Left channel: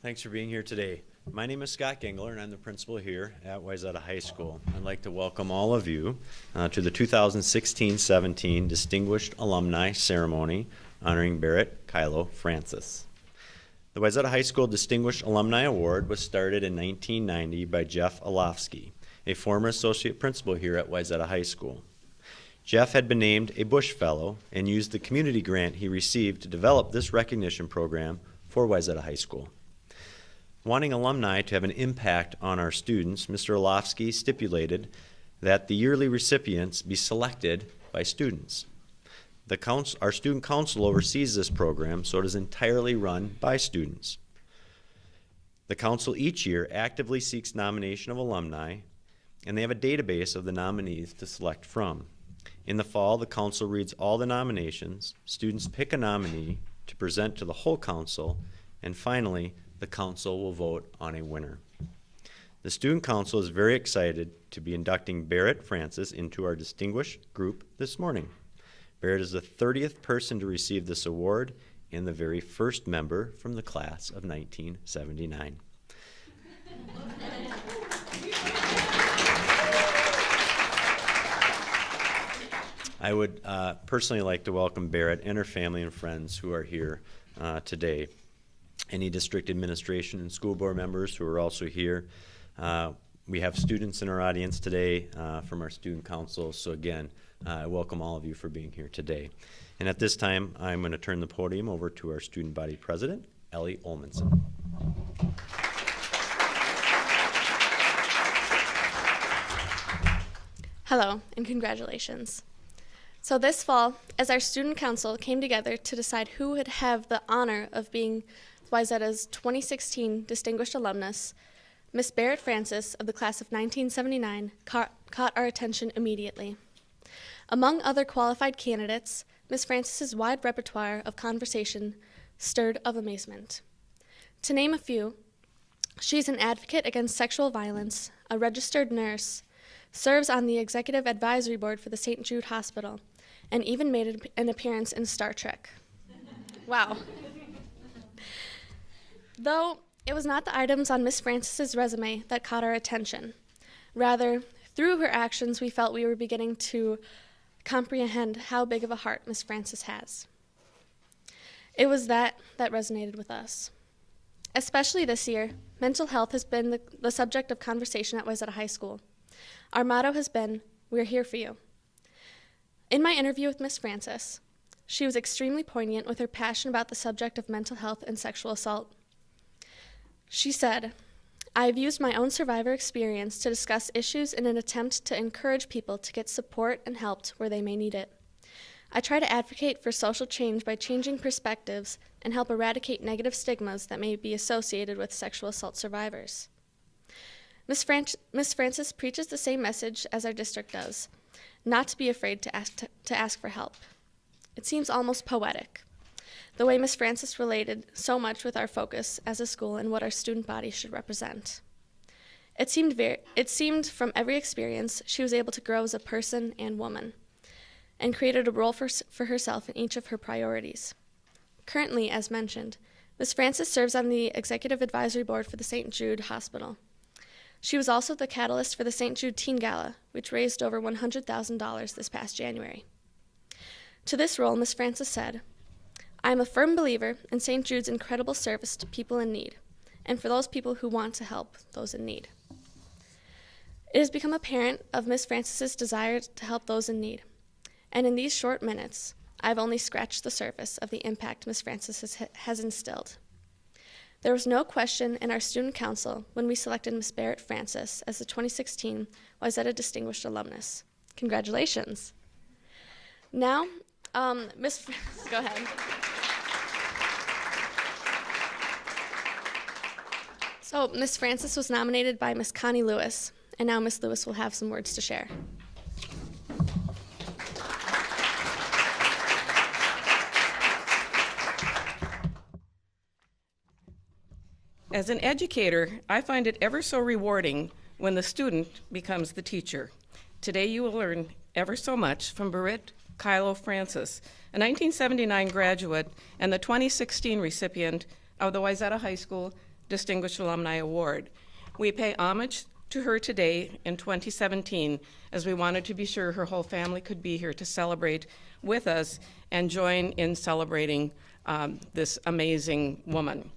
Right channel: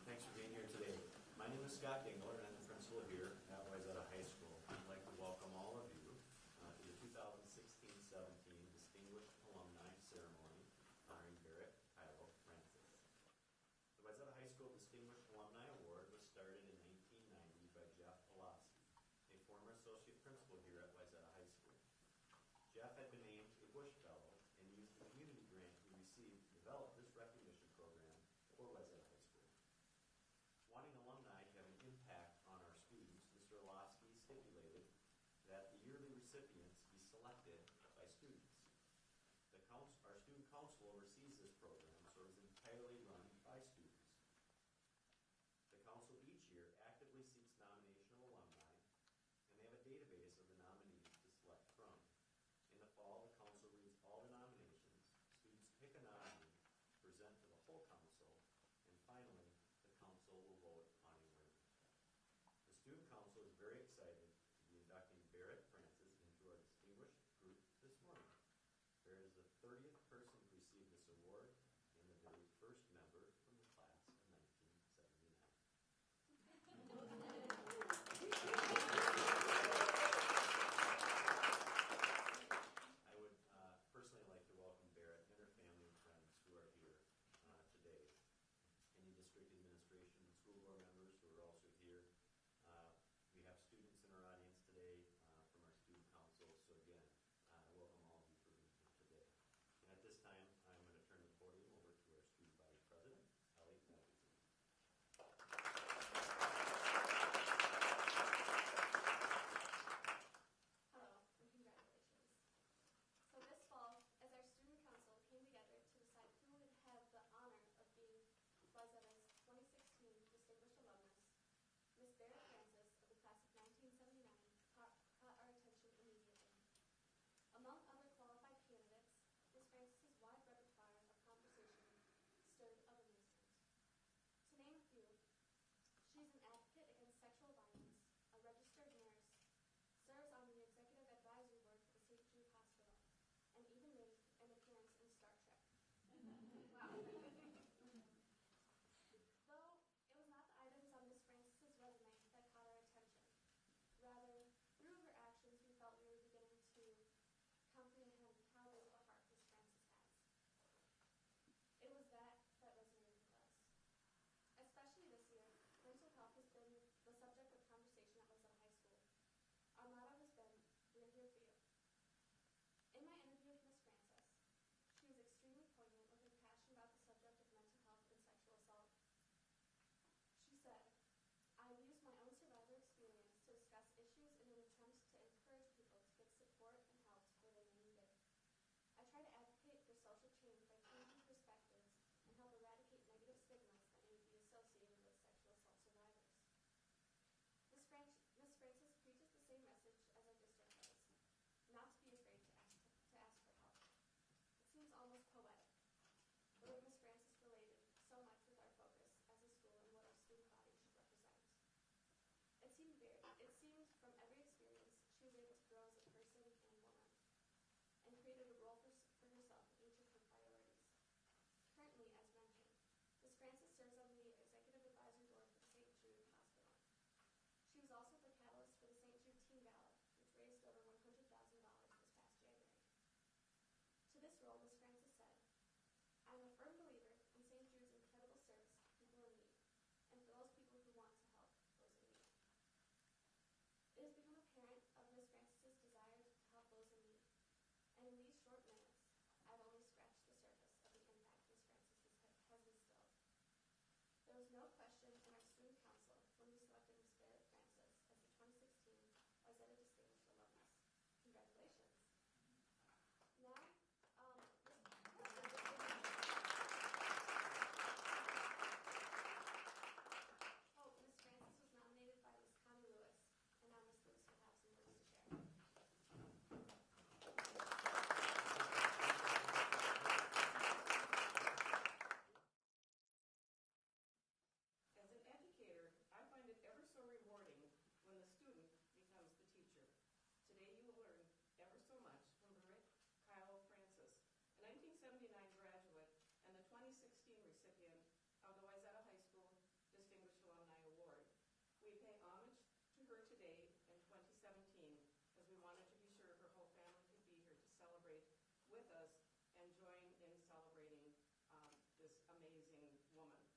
Thanks for being here today. My name is Scott Gingler, and I'm the principal here at Wayzata High School. I'd like to welcome all of you to the 2016-17 Distinguished Alumni Ceremony honoring Barrett, Kyllo, Francis. The Wayzata High School Distinguished Alumni Award was started in 1990 by Jeff Olofsky, a former associate principal here at Wayzata High School. Jeff had been named a Bush Fellow and used the community grant he received to develop this recognition program for Wayzata High School. Wanting alumni to have an impact on our students, Mr. Olofsky stipulated that the yearly recipients be selected by students. Our student council oversees this program, so it is entirely run by students. The council each year actively seeks nomination of alumni, and they have a database of the nominees to select from. In the fall, the council reads all the nominations, students pick a nominee to present to the whole council, and finally, the council will vote on a winner. The student council is very excited to be inducting Barrett Francis into our distinguished group this morning. Barrett is the 30th person to receive this award and the very first member from the class of 1979. I would personally like to welcome Barrett and her family and friends who are here today. Any district administration and school board members who are also here. We have students in our audience today from our student council, so again, I welcome all of you for being here today. And at this time, I'm going to turn the podium over to our student body president, Ellie Olmanson. Hello, and congratulations. So this fall, as our student council came together to decide who would have the honor of being Wayzata's 2016 Distinguished Alumnus, Miss Barrett Francis of the class of 1979 caught our attention immediately. Among other qualified candidates, Miss Francis's wide repertoire of conversation stirred of amazement. To name a few, she's an advocate against sexual violence, a registered nurse, serves on the executive advisory board for the St. Jude Hospital, and even made an appearance in Star Trek. Wow. Though it was not the items on Miss Francis's resume that caught our attention. Rather, through her actions, we felt we were beginning to comprehend how big of a heart Miss Francis has. It was that resonated with us. Especially this year, mental health has been the subject of conversation at Wayzata High School. Our motto has been, "We're here for you." In my interview with Miss Francis, she was extremely poignant with her passion about the subject of mental health and sexual assault. She said, "I've used my own survivor experience to discuss issues in an attempt to encourage people to get support and help where they may need it. I try to advocate for social change by changing perspectives and help eradicate negative stigmas that may be associated with sexual assault survivors." Miss Francis preaches the same message as our district does, not to be afraid to ask for help. It seems almost poetic, the way Miss Francis related so much with our focus as a school and what our student body should represent. It seemed from every experience she was able to grow as a person and woman, and created a role for herself in each of her priorities. Currently, as mentioned, Miss Francis serves on the Executive Advisory Board for the St. Jude Hospital. She was also the catalyst for the St. Jude Teen Gala, which raised over $100,000 this past January. To this role, Miss Francis said, "I am a firm believer in St. Jude's incredible service to people in need, and for those people who want to help those in need." It has become apparent of Miss Francis's desire to help those in need, and in these short minutes, I've only scratched the surface of the impact Miss Francis has instilled. There was no question in our student council when we selected Miss Barrett Francis as the 2016 Wayzata Distinguished Alumnus. Congratulations. Now, Miss Francis, go ahead. So, Miss Francis was nominated by Miss Connie Lewis, and now Miss Lewis will have some words to share. As an educator, I find it ever so rewarding when the student becomes the teacher. Today you will learn ever so much from Barrett Francis, a 1979 graduate and the 2016 recipient of the Wayzata High School Distinguished Alumni Award. We pay homage to her today in 2017 as we wanted to be sure her whole family could be here to celebrate with us and join in celebrating this amazing woman.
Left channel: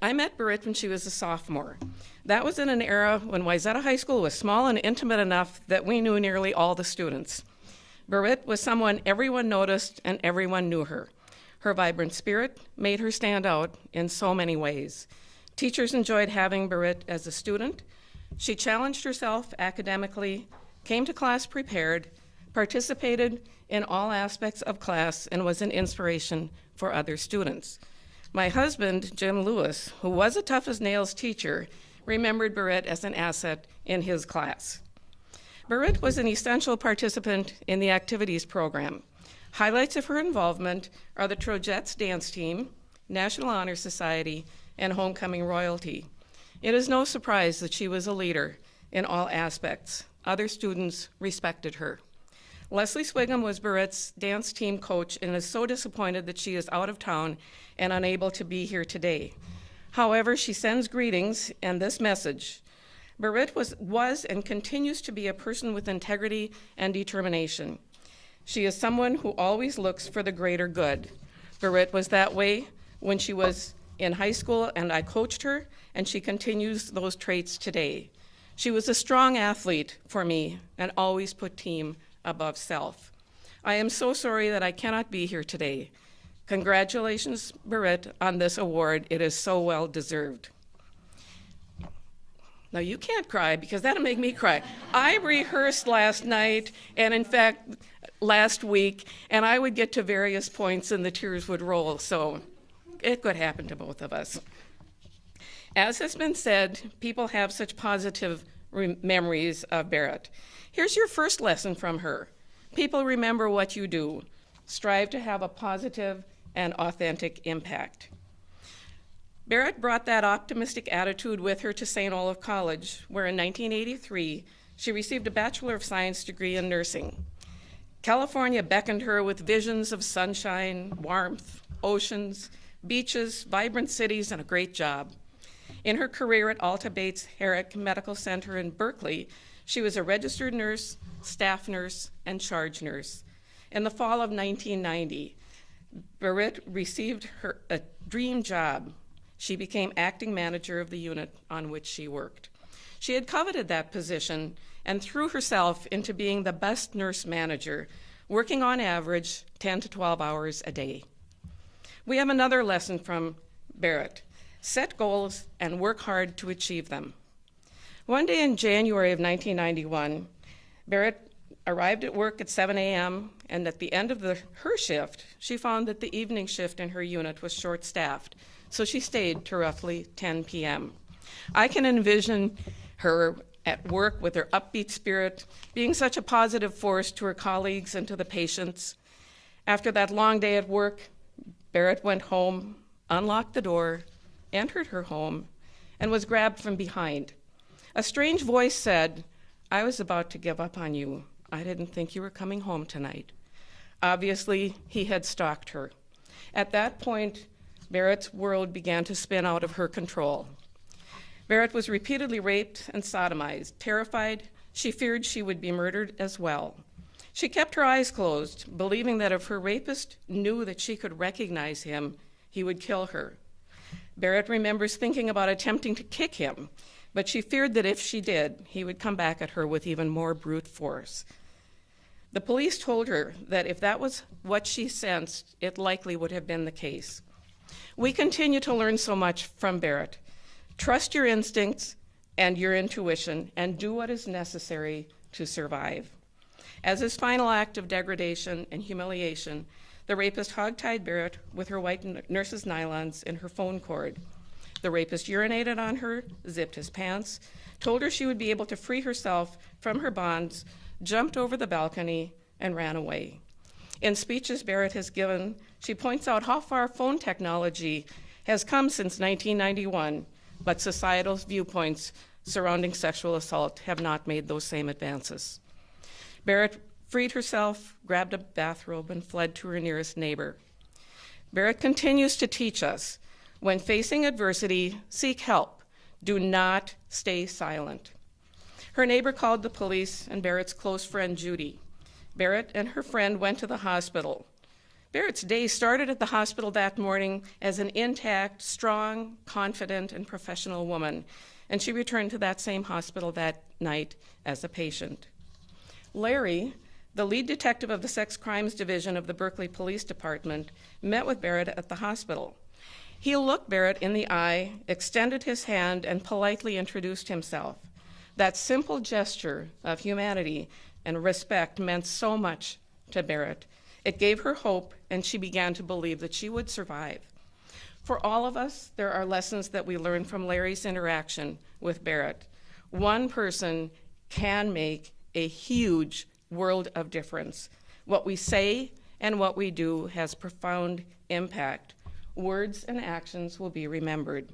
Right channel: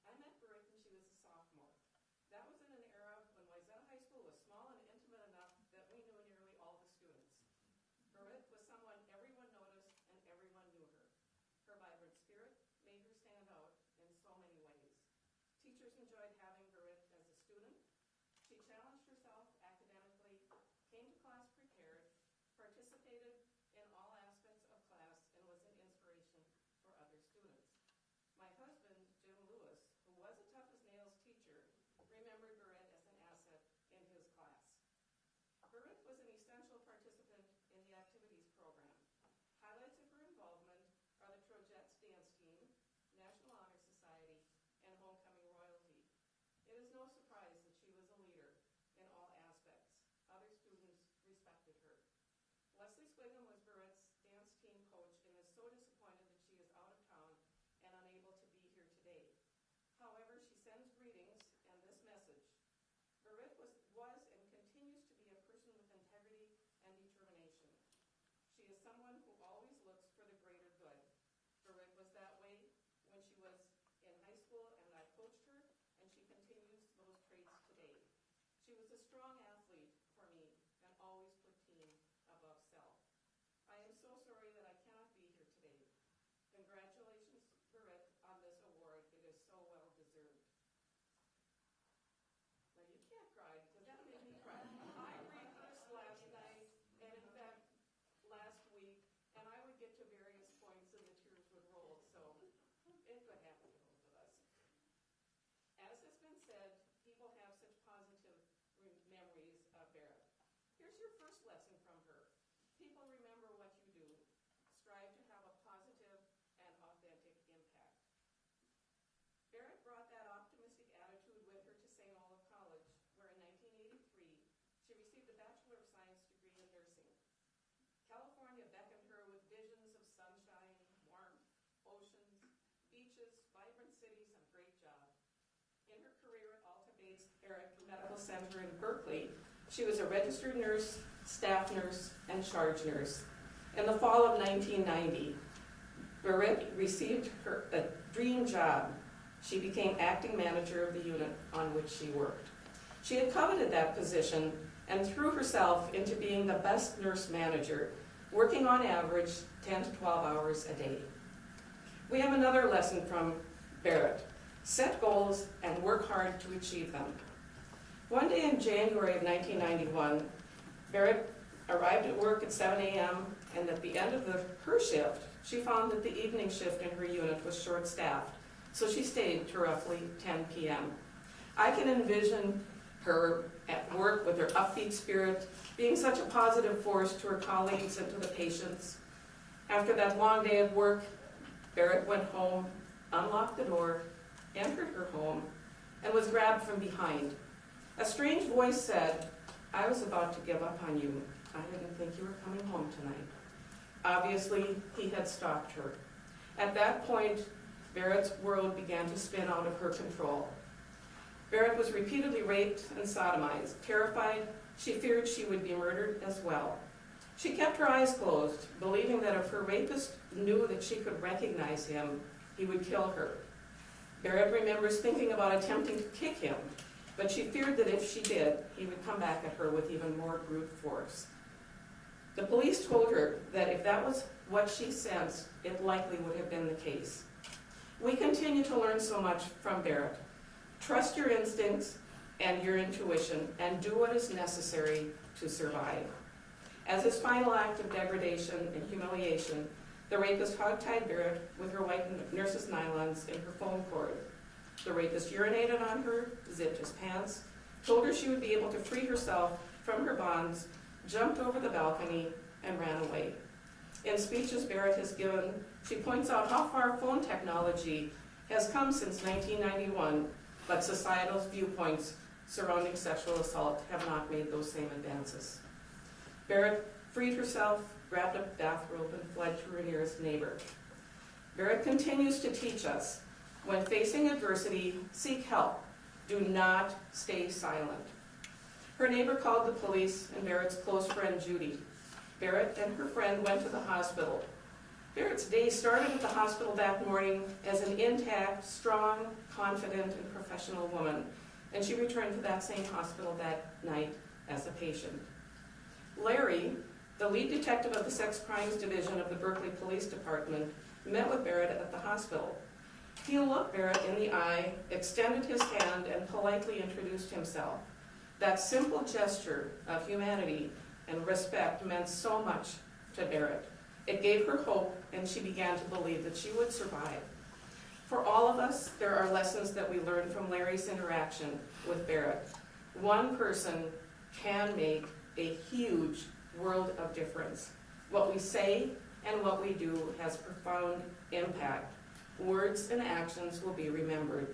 I met Berit when she was a sophomore. That was in an era when Wayzata High School was small and intimate enough that we knew nearly all the students. Berit was someone everyone noticed and everyone knew her. Her vibrant spirit made her stand out in so many ways. Teachers enjoyed having Berit as a student. She challenged herself academically, came to class prepared, participated in all aspects of class, and was an inspiration for other students. My husband, Jim Lewis, who was a tough-as-nails teacher, remembered Berit as an asset in his class. Berit was an essential participant in the activities program. Highlights of her involvement are the Trojettes dance team, National Honor Society, and Homecoming Royalty. It is no surprise that she was a leader in all aspects. Other students respected her. Leslie Swigum was Berit's dance team coach and is so disappointed that she is out of town and unable to be here today. However, she sends greetings and this message. Berit was and continues to be a person with integrity and determination. She is someone who always looks for the greater good. Berit was that way when she was in high school and I coached her, and she continues those traits today. She was a strong athlete for me and always put team above self. I am so sorry that I cannot be here today. Congratulations, Berit, on this award. It is so well deserved. Now you can't cry because that'll make me cry. I rehearsed last night and in fact last week, and I would get to various points and the tears would roll, so it could happen to both of us. As has been said, people have such positive memories of Berit. Here's your first lesson from her. People remember what you do. Strive to have a positive and authentic impact. Berit brought that optimistic attitude with her to St. Olaf College, where in 1983, she received a Bachelor of Science degree in nursing. California beckoned her with visions of sunshine, warmth, oceans, beaches, vibrant cities, and a great job. In her career at Alta Bates Herrick Medical Center in Berkeley, she was a registered nurse, staff nurse, and charge nurse. In the fall of 1990, Berit received a dream job. She became acting manager of the unit on which she worked. She had coveted that position and threw herself into being the best nurse manager, working on average 10 to 12 hours a day. We have another lesson from Berit. Set goals and work hard to achieve them. One day in January of 1991, Berit arrived at work at 7 a.m. and at the end of her shift, she found that the evening shift in her unit was short-staffed, so she stayed to roughly 10 p.m. I can envision her at work with her upbeat spirit, being such a positive force to her colleagues and to the patients. After that long day at work, Berit went home, unlocked the door, entered her home, and was grabbed from behind. A strange voice said, "I was about to give up on you. I didn't think you were coming home tonight." Obviously, he had stalked her. At that point, Berit's world began to spin out of her control. Berit was repeatedly raped and sodomized. Terrified, she feared she would be murdered as well. She kept her eyes closed, believing that if her rapist knew that she could recognize him, he would kill her. Berit remembers thinking about attempting to kick him, but she feared that if she did, he would come back at her with even more brute force. The police told her that if that was what she sensed, it likely would have been the case. We continue to learn so much from Berit. Trust your instincts and your intuition and do what is necessary to survive. As his final act of degradation and humiliation, the rapist hogtied Berit with her white nurse's nylons and her phone cord. The rapist urinated on her, zipped his pants, told her she would be able to free herself from her bonds, jumped over the balcony, and ran away. In speeches Berit has given, she points out how far phone technology has come since 1991, but societal viewpoints surrounding sexual assault have not made those same advances. Berit freed herself, grabbed a bathrobe, and fled to her nearest neighbor. Berit continues to teach us, when facing adversity, seek help. Do not stay silent. Her neighbor called the police and Berit's close friend, Judy. Berit and her friend went to the hospital. Berit's day started at the hospital that morning as an intact, strong, confident, and professional woman, and she returned to that same hospital that night as a patient. Larry, the lead detective of the Sex Crimes Division of the Berkeley Police Department, met with Berit at the hospital. He looked Berit in the eye, extended his hand, and politely introduced himself. That simple gesture of humanity and respect meant so much to Berit. It gave her hope, and she began to believe that she would survive. For all of us, there are lessons that we learn from Larry's interaction with Berit. One person can make a huge world of difference. What we say and what we do has profound impact. Words and actions will be remembered.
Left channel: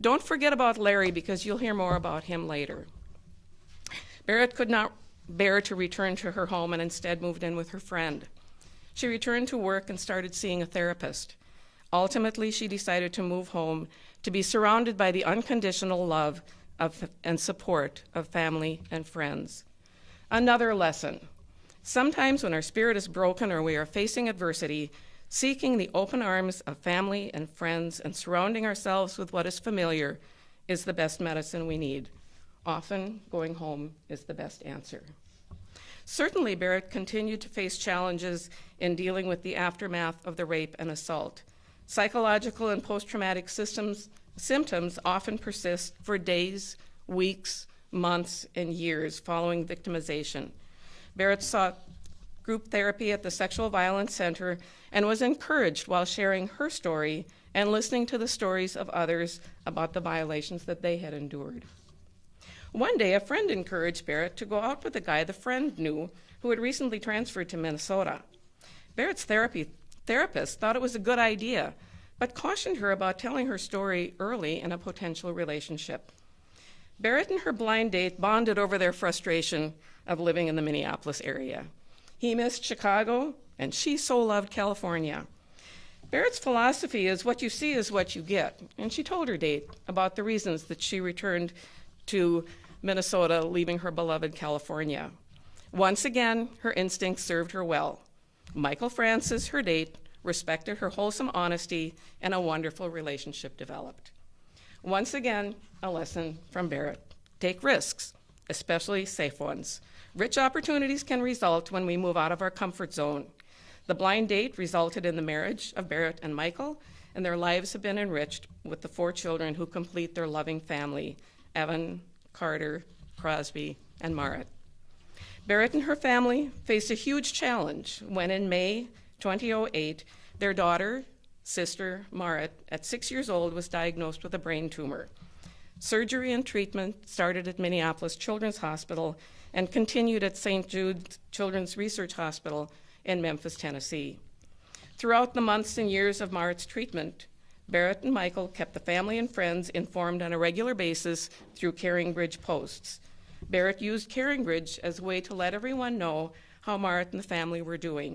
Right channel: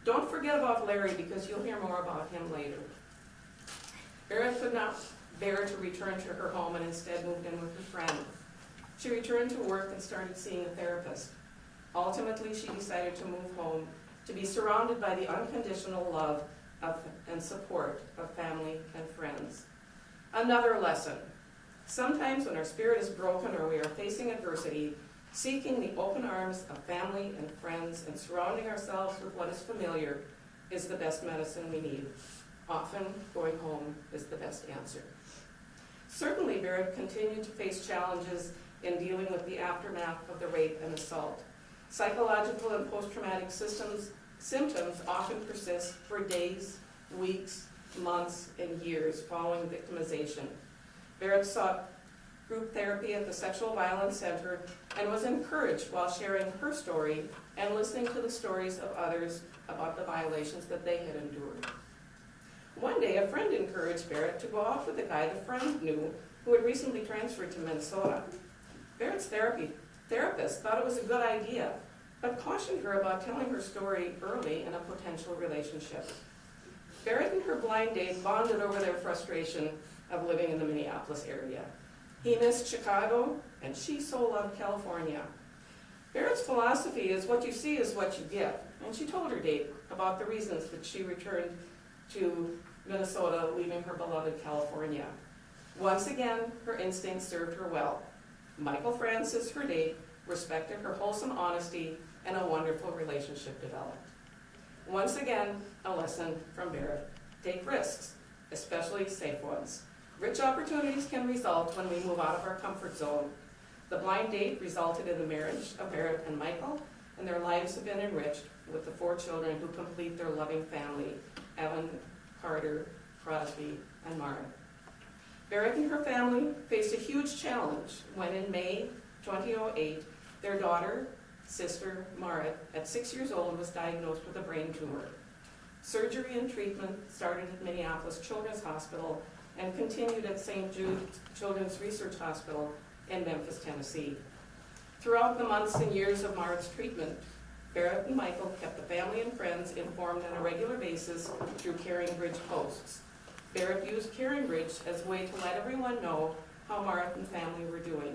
Don't forget about Larry, because you'll hear more about him later. Berit could not bear to return to her home and instead moved in with her friend. She returned to work and started seeing a therapist. Ultimately, she decided to move home to be surrounded by the unconditional love and support of family and friends. Another lesson. Sometimes when our spirit is broken or we are facing adversity, seeking the open arms of family and friends and surrounding ourselves with what is familiar is the best medicine we need. Often, going home is the best answer. Certainly, Berit continued to face challenges in dealing with the aftermath of the rape and assault. Psychological and post-traumatic symptoms often persist for days, weeks, months, and years following victimization. Berit sought group therapy at the Sexual Violence Center and was encouraged while sharing her story and listening to the stories of others about the violations that they had endured. One day, a friend encouraged Berit to go out with a guy the friend knew who had recently transferred to Minnesota. Berit's therapist thought it was a good idea, but cautioned her about telling her story early in a potential relationship. Berit and her blind date bonded over their frustration of living in the Minneapolis area. He missed Chicago, and she so loved California. Berit's philosophy is what you see is what you get, and she told her date about the reasons that she returned to Minnesota, leaving her beloved California. Once again, her instincts served her well. Michael Francis, her date, respected her wholesome honesty, and a wonderful relationship developed. Once again, a lesson from Berit. Take risks, especially safe ones. Rich opportunities can result when we move out of our comfort zone. The blind date resulted in the marriage of Berit and Michael, and their lives have been enriched with the 4 children who complete their loving family: Evan, Carter, Crosby, and Marty. Berit and her family faced a huge challenge when in May 2008, their daughter, sister, Marty, at 6 years old, was diagnosed with a brain tumor. Surgery and treatment started at Minneapolis Children's Hospital and continued at St. Jude Children's Research Hospital in Memphis, Tennessee. Throughout the months and years of Marty's treatment, Berit and Michael kept the family and friends informed on a regular basis through Caring Bridge posts. Berit used Caring Bridge as a way to let everyone know how Marty and the family were doing.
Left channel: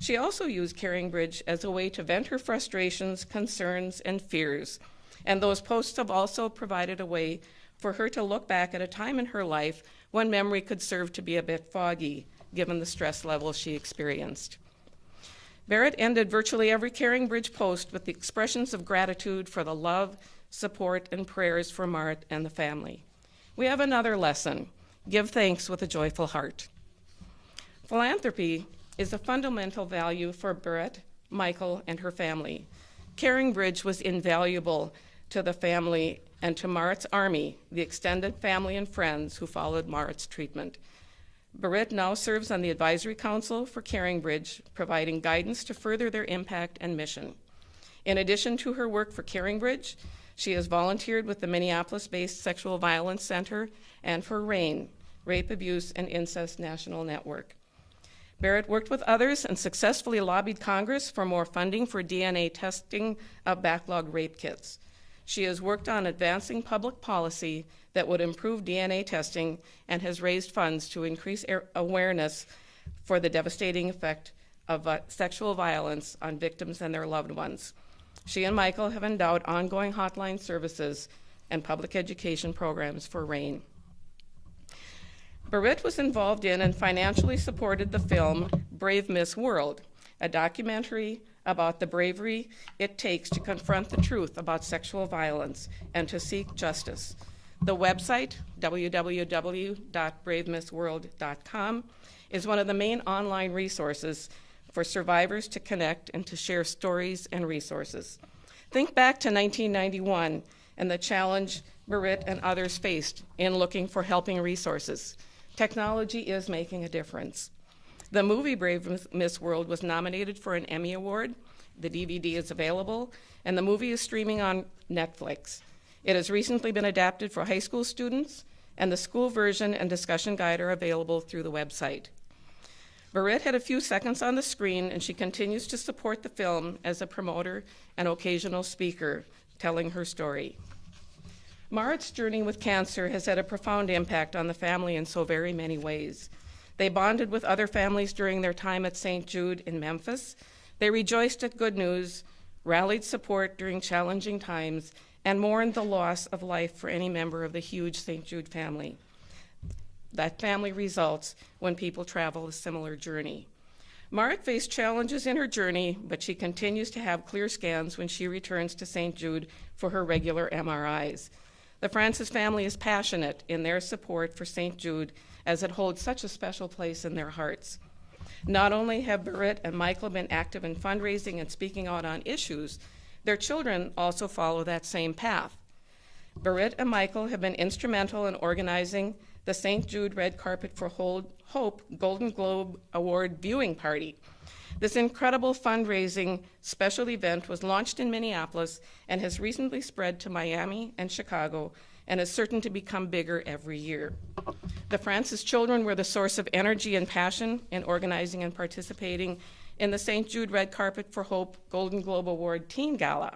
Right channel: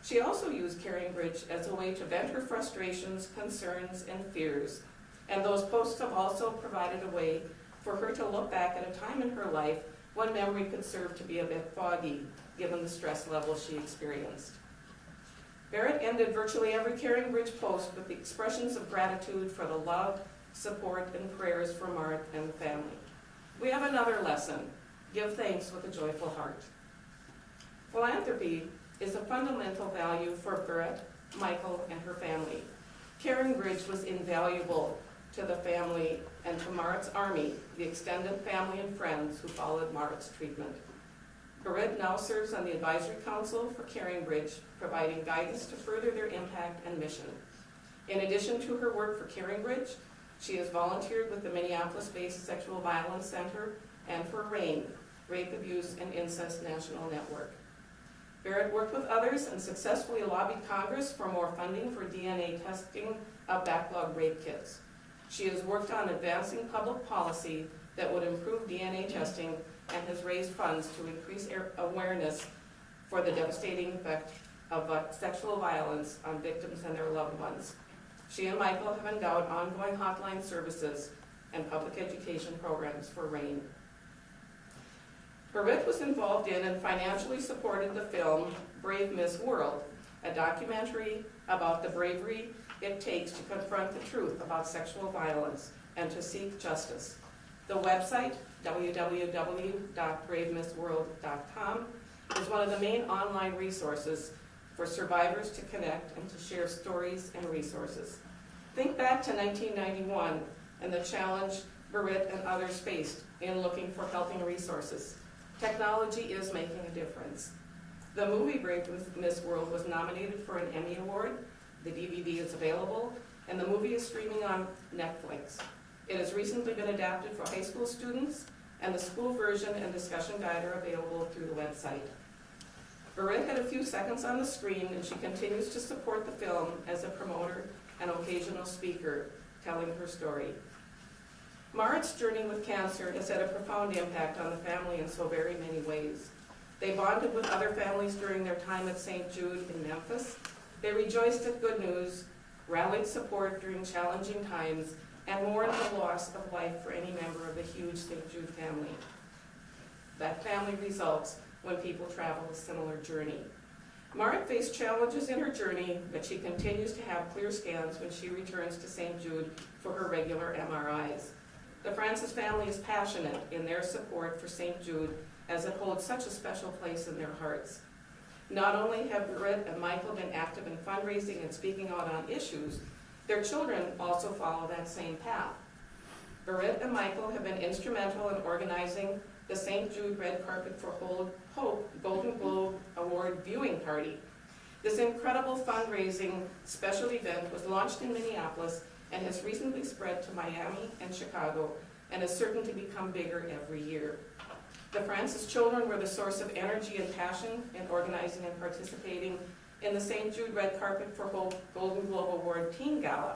She also used Caring Bridge as a way to vent her frustrations, concerns, and fears. And those posts have also provided a way for her to look back at a time in her life when memory could serve to be a bit foggy, given the stress levels she experienced. Berit ended virtually every Caring Bridge post with the expressions of gratitude for the love, support, and prayers for Marty and the family. We have another lesson: give thanks with a joyful heart. Philanthropy is a fundamental value for Berit, Michael, and her family. Caring Bridge was invaluable to the family and to Marty's army, the extended family and friends who followed Marty's treatment. Berit now serves on the Advisory Council for CaringBridge, providing guidance to further their impact and mission. In addition to her work for CaringBridge, she has volunteered with the Minneapolis-based Sexual Violence Center and for RAIN, Rape, Abuse, and Incest National Network. Barrett worked with others and successfully lobbied Congress for more funding for DNA testing of backlog rape kits. She has worked on advancing public policy that would improve DNA testing and has raised funds to increase awareness for the devastating effect of sexual violence on victims and their loved ones. She and Michael have endowed ongoing hotline services and public education programs for RAIN. Berit was involved in and financially supported the film Brave Miss World, a documentary about the bravery it takes to confront the truth about sexual violence and to seek justice. The website, www.bravemissworld.com, is one of the main online resources for survivors to connect and to share stories and resources. Think back to 1991 and the challenge Berit and others faced in looking for helping resources. Technology is making a difference. The movie Brave Miss World was nominated for an Emmy Award. The DVD is available, and the movie is streaming on Netflix. It has recently been adapted for high school students, and the school version and discussion guide are available through the website. Berit had a few seconds on the screen, and she continues to support the film as a promoter and occasional speaker, telling her story. Mart's journey with cancer has had a profound impact on the family in so very many ways. They bonded with other families during their time at St. Jude in Memphis. They rejoiced at good news, rallied support during challenging times, and mourned the loss of life for any member of the huge St. Jude family. That family results when people travel a similar journey. Mart faced challenges in her journey, but she continues to have clear scans when she returns to St. Jude for her regular MRIs. The Francis family is passionate in their support for St. Jude as it holds such a special place in their hearts. Not only have Berit and Michael been active in fundraising and speaking out on issues, their children also follow that same path. Berit and Michael have been instrumental in organizing the St. Jude Red Carpet for Hope Golden Globe Award viewing party. This incredible fundraising special event was launched in Minneapolis and has recently spread to Miami and Chicago and is certain to become bigger every year. The Francis children were the source of energy and passion in organizing and participating in the St. Jude Red Carpet for Hope Golden Globe Award Teen Gala.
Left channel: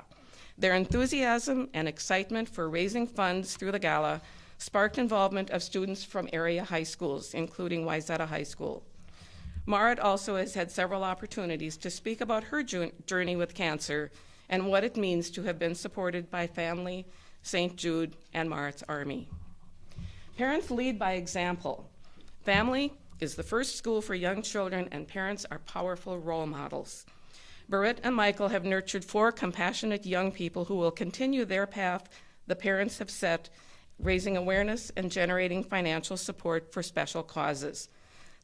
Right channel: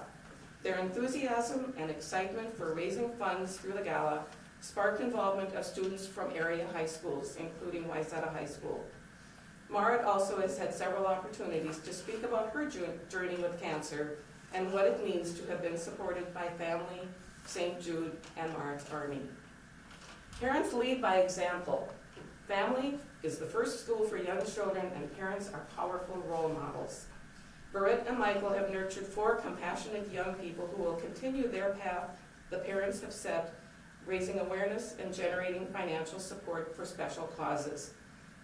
Their enthusiasm and excitement for raising funds through the gala sparked involvement of students from area high schools, including Wayzata High School. Marit also has had several opportunities to speak about her journey with cancer and what it means to have been supported by family, St. Jude, and Marit's Army. Parents lead by example. Family is the first school for young children, and parents are powerful role models. Berit and Michael have nurtured 4 compassionate young people who will continue their path the parents have set, raising awareness and generating financial support for special causes.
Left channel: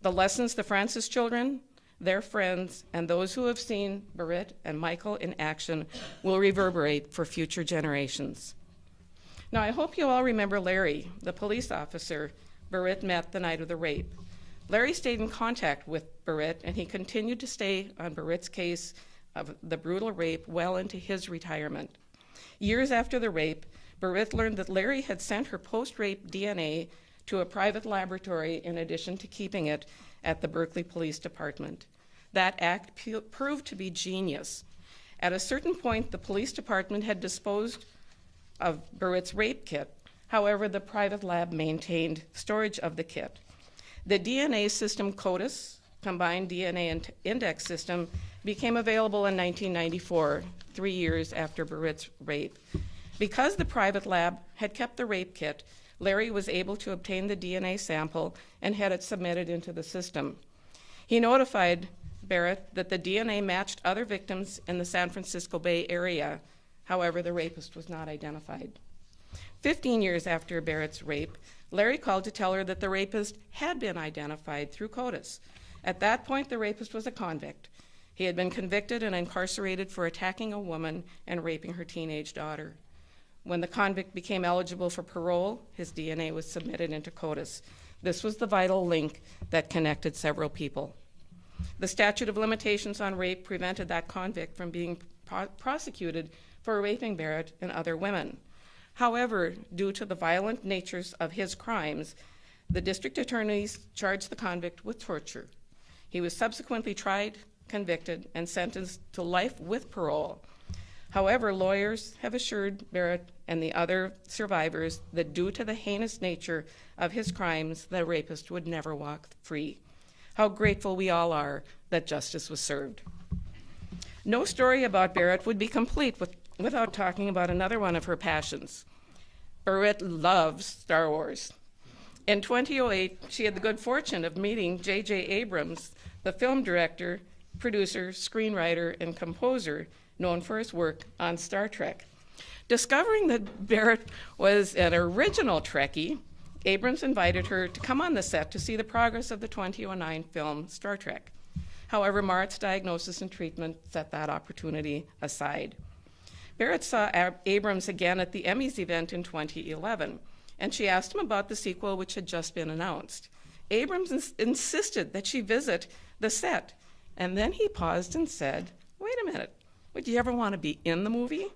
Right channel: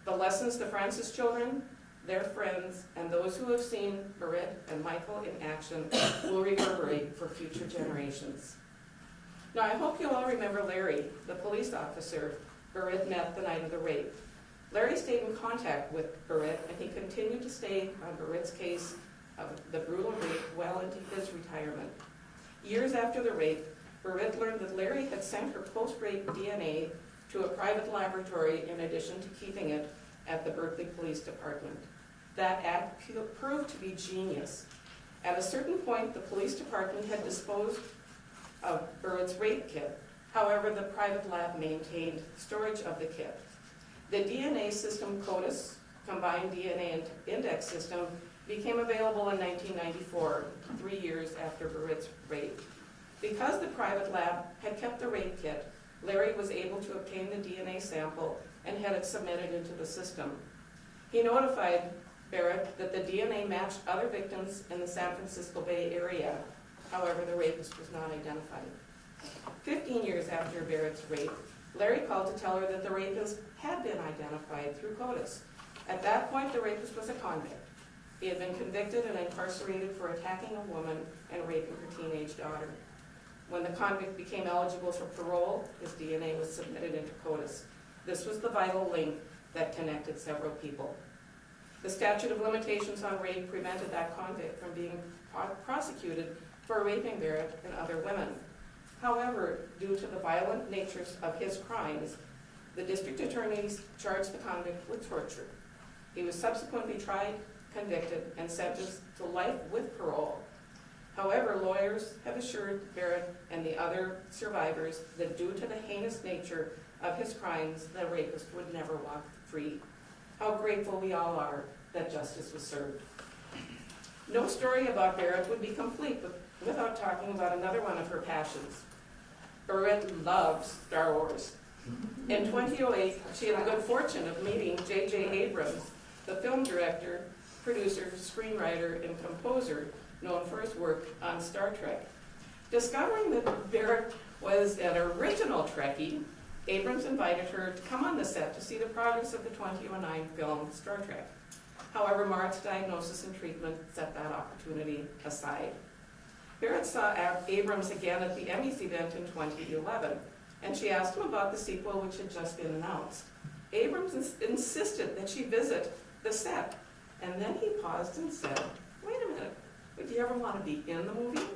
The lessons the Francis children, their friends, and those who have seen Berit and Michael in action will reverberate for future generations. Now, I hope you all remember Larry, the police officer Berit met the night of the rape. Larry stayed in contact with Berit, and he continued to stay on Berit's case of the brutal rape well into his retirement. Years after the rape, Berit learned that Larry had sent her post-rape DNA to a private laboratory in addition to keeping it at the Berkeley Police Department. That act proved to be genius. At a certain point, the police department had disposed of Berit's rape kit. However, the private lab maintained storage of the kit. The DNA system CODIS, Combined DNA Index System, became available in 1994, 3 years after Berit's rape. Because the private lab had kept the rape kit, Larry was able to obtain the DNA sample and had it submitted into the system. He notified Barrett that the DNA matched other victims in the San Francisco Bay Area. However, the rapist was not identified. 15 years after Barrett's rape, Larry called to tell her that the rapist had been identified through CODIS. At that point, the rapist was a convict. He had been convicted and incarcerated for attacking a woman and raping her teenage daughter. When the convict became eligible for parole, his DNA was submitted into CODIS. This was the vital link that connected several people. The statute of limitations on rape prevented that convict from being prosecuted for raping Berit and other women. However, due to the violent natures of his crimes, the district attorneys charged the convict with torture. He was subsequently tried, convicted, and sentenced to life with parole. However, lawyers have assured Berit and the other survivors that due to the heinous nature of his crimes, the rapist would never walk free. How grateful we all are that justice was served. No story about Berit would be complete without talking about another one of her passions. Berit loves Star Wars. In 2008, she had the good fortune of meeting J.J. Abrams, the film director, producer, screenwriter, and composer known for his work on Star Trek. Discovering that Berit was an original Trekkie, Abrams invited her to come on the set to see the progress of the 2009 film Star Trek. However, Mart's diagnosis and treatment set that opportunity aside. Berit saw Abrams again at the Emmys event in 2011, and she asked him about the sequel which had just been announced. Abrams insisted that she visit the set, and then he paused and said, "Wait a minute, would you ever want to be in the movie?"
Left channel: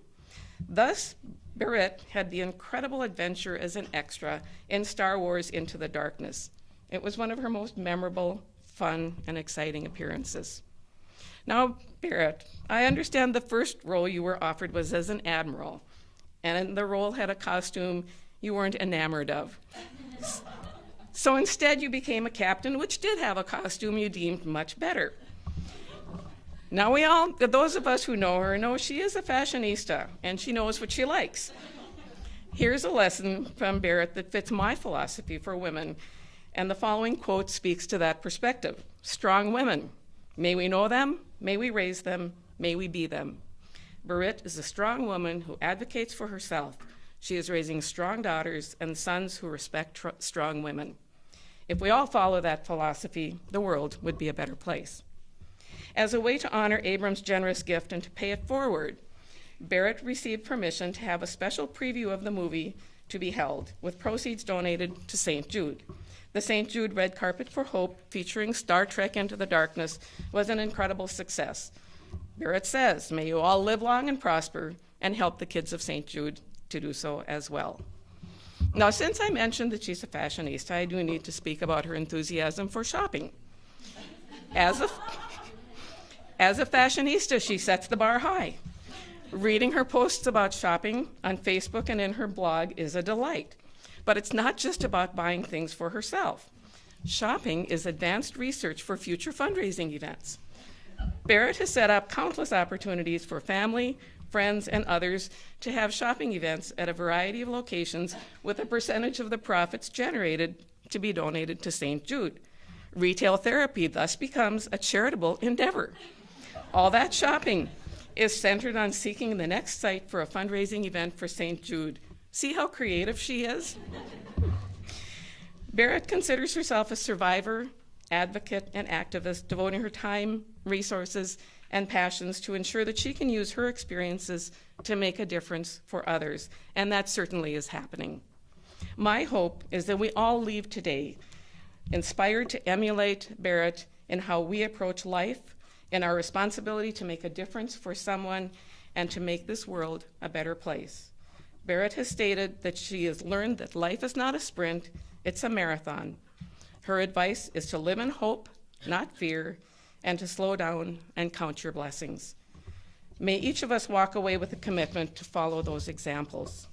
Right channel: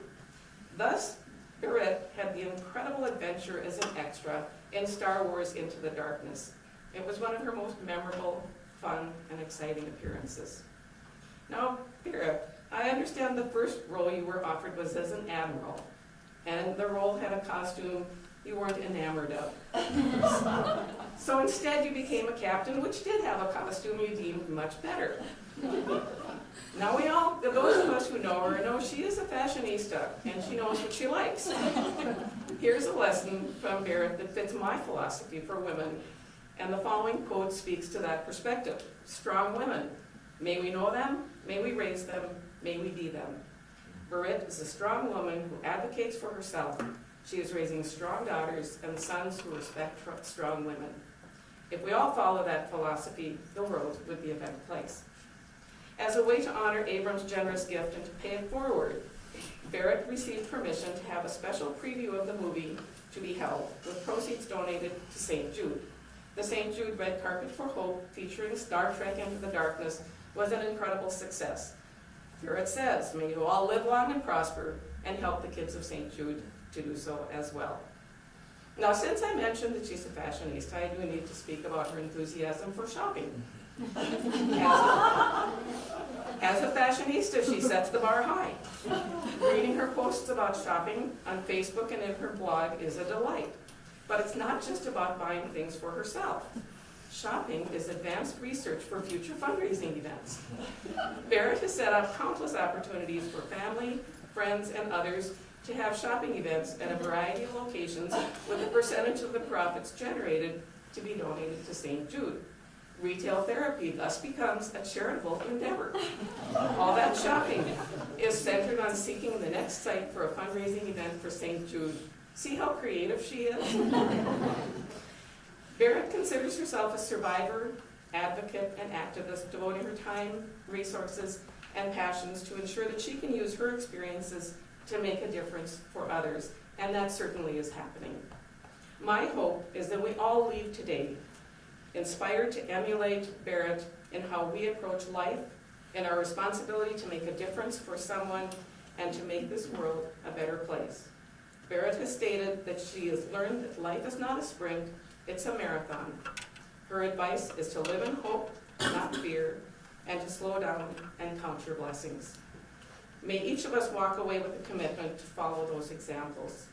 Thus, Berit had the incredible adventure as an extra in Star Wars Into the Darkness. It was one of her most memorable, fun, and exciting appearances. Now, Berit, I understand the first role you were offered was as an admiral, and the role had a costume you weren't enamored of. So instead you became a captain, which did have a costume you deemed much better. Now those of us who know her know she is a fashionista, and she knows what she likes. Here's a lesson from Berit that fits my philosophy for women, and the following quote speaks to that perspective. Strong women. May we know them, may we raise them, may we be them. Berit is a strong woman who advocates for herself. She is raising strong daughters and sons who respect strong women. If we all follow that philosophy, the world would be a better place. As a way to honor Abrams' generous gift and to pay it forward, Berit received permission to have a special preview of the movie to be held, with proceeds donated to St. Jude. The St. Jude Red Carpet for Hope, featuring Star Trek Into the Darkness, was an incredible success. Berit says, "May you all live long and prosper," and help the kids of St. Jude to do so as well. Now, since I mentioned that she's a fashionista, I do need to speak about her enthusiasm for shopping. As a fashionista, she sets the bar high. Reading her posts about shopping on Facebook and in her blog is a delight. But it's not just about buying things for herself. Shopping is advanced research for future fundraising events. Berit has set up countless opportunities for family, friends, and others to have shopping events at a variety of locations with a percentage of the profits generated to be donated to St. Jude. Retail therapy thus becomes a charitable endeavor. All that shopping is centered on seeking the next site for a fundraising event for St. Jude. See how creative she is? Berit considers herself a survivor, advocate, and activist, devoting her time, resources, and passions to ensure that she can use her experiences to make a difference for others, and that certainly is happening. My hope is that we all leave today inspired to emulate Berit in how we approach life and our responsibility to make a difference for someone and to make this world a better place. Berit has stated that she has learned that life is not a sprint, it's a marathon. Her advice is to live in hope, not fear, and to slow down and count your blessings. May each of us walk away with a commitment to follow those examples.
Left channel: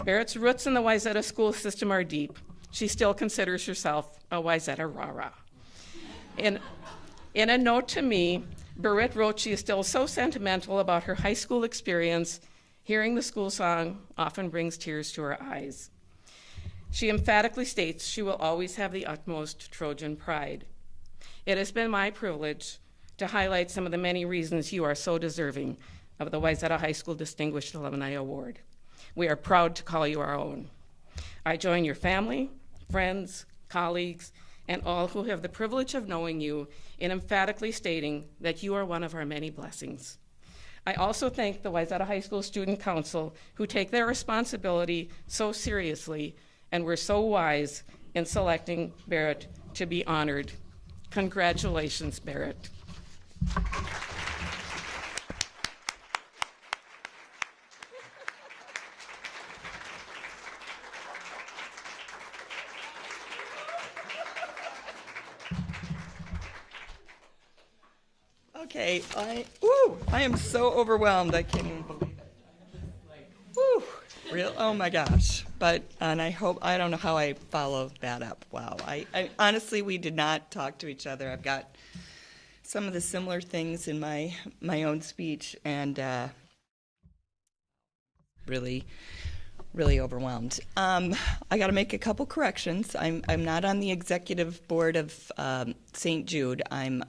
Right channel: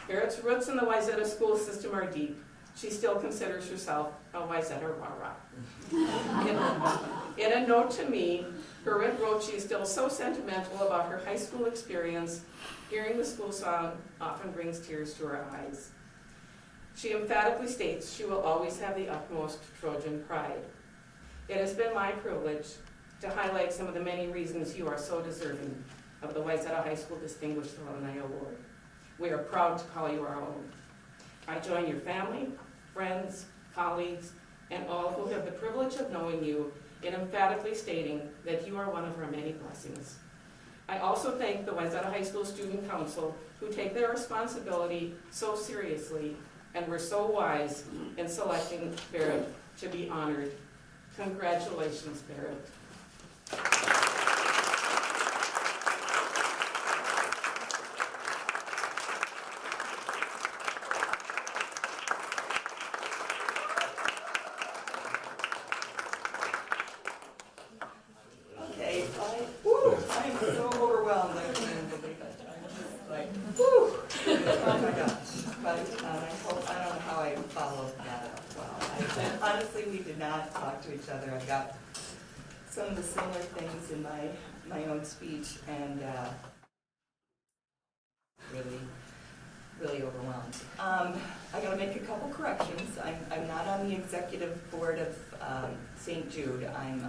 Berit's roots in the Wayzata school system are deep. She still considers herself a Wayzata rah-rah. In a note to me, Berit wrote she is still so sentimental about her high school experience. Hearing the school song often brings tears to her eyes. She emphatically states she will always have the utmost Trojan pride. It has been my privilege to highlight some of the many reasons you are so deserving of the Wayzata High School Distinguished Alumni Award. We are proud to call you our own. I join your family, friends, colleagues, and all who have the privilege of knowing you in emphatically stating that you are one of our many blessings. I also thank the Wayzata High School Student Council, who take their responsibility so seriously and were so wise in selecting Berit to be honored. Congratulations, Berit. Okay, I am so overwhelmed. I can't even believe it. Oh my gosh. And I don't know how I followed that up. Wow. Honestly, we did not talk to each other. I've got some of the similar things in my own speech, and really overwhelmed. I got to make a couple corrections. I'm not on the executive board of St. Jude. I'm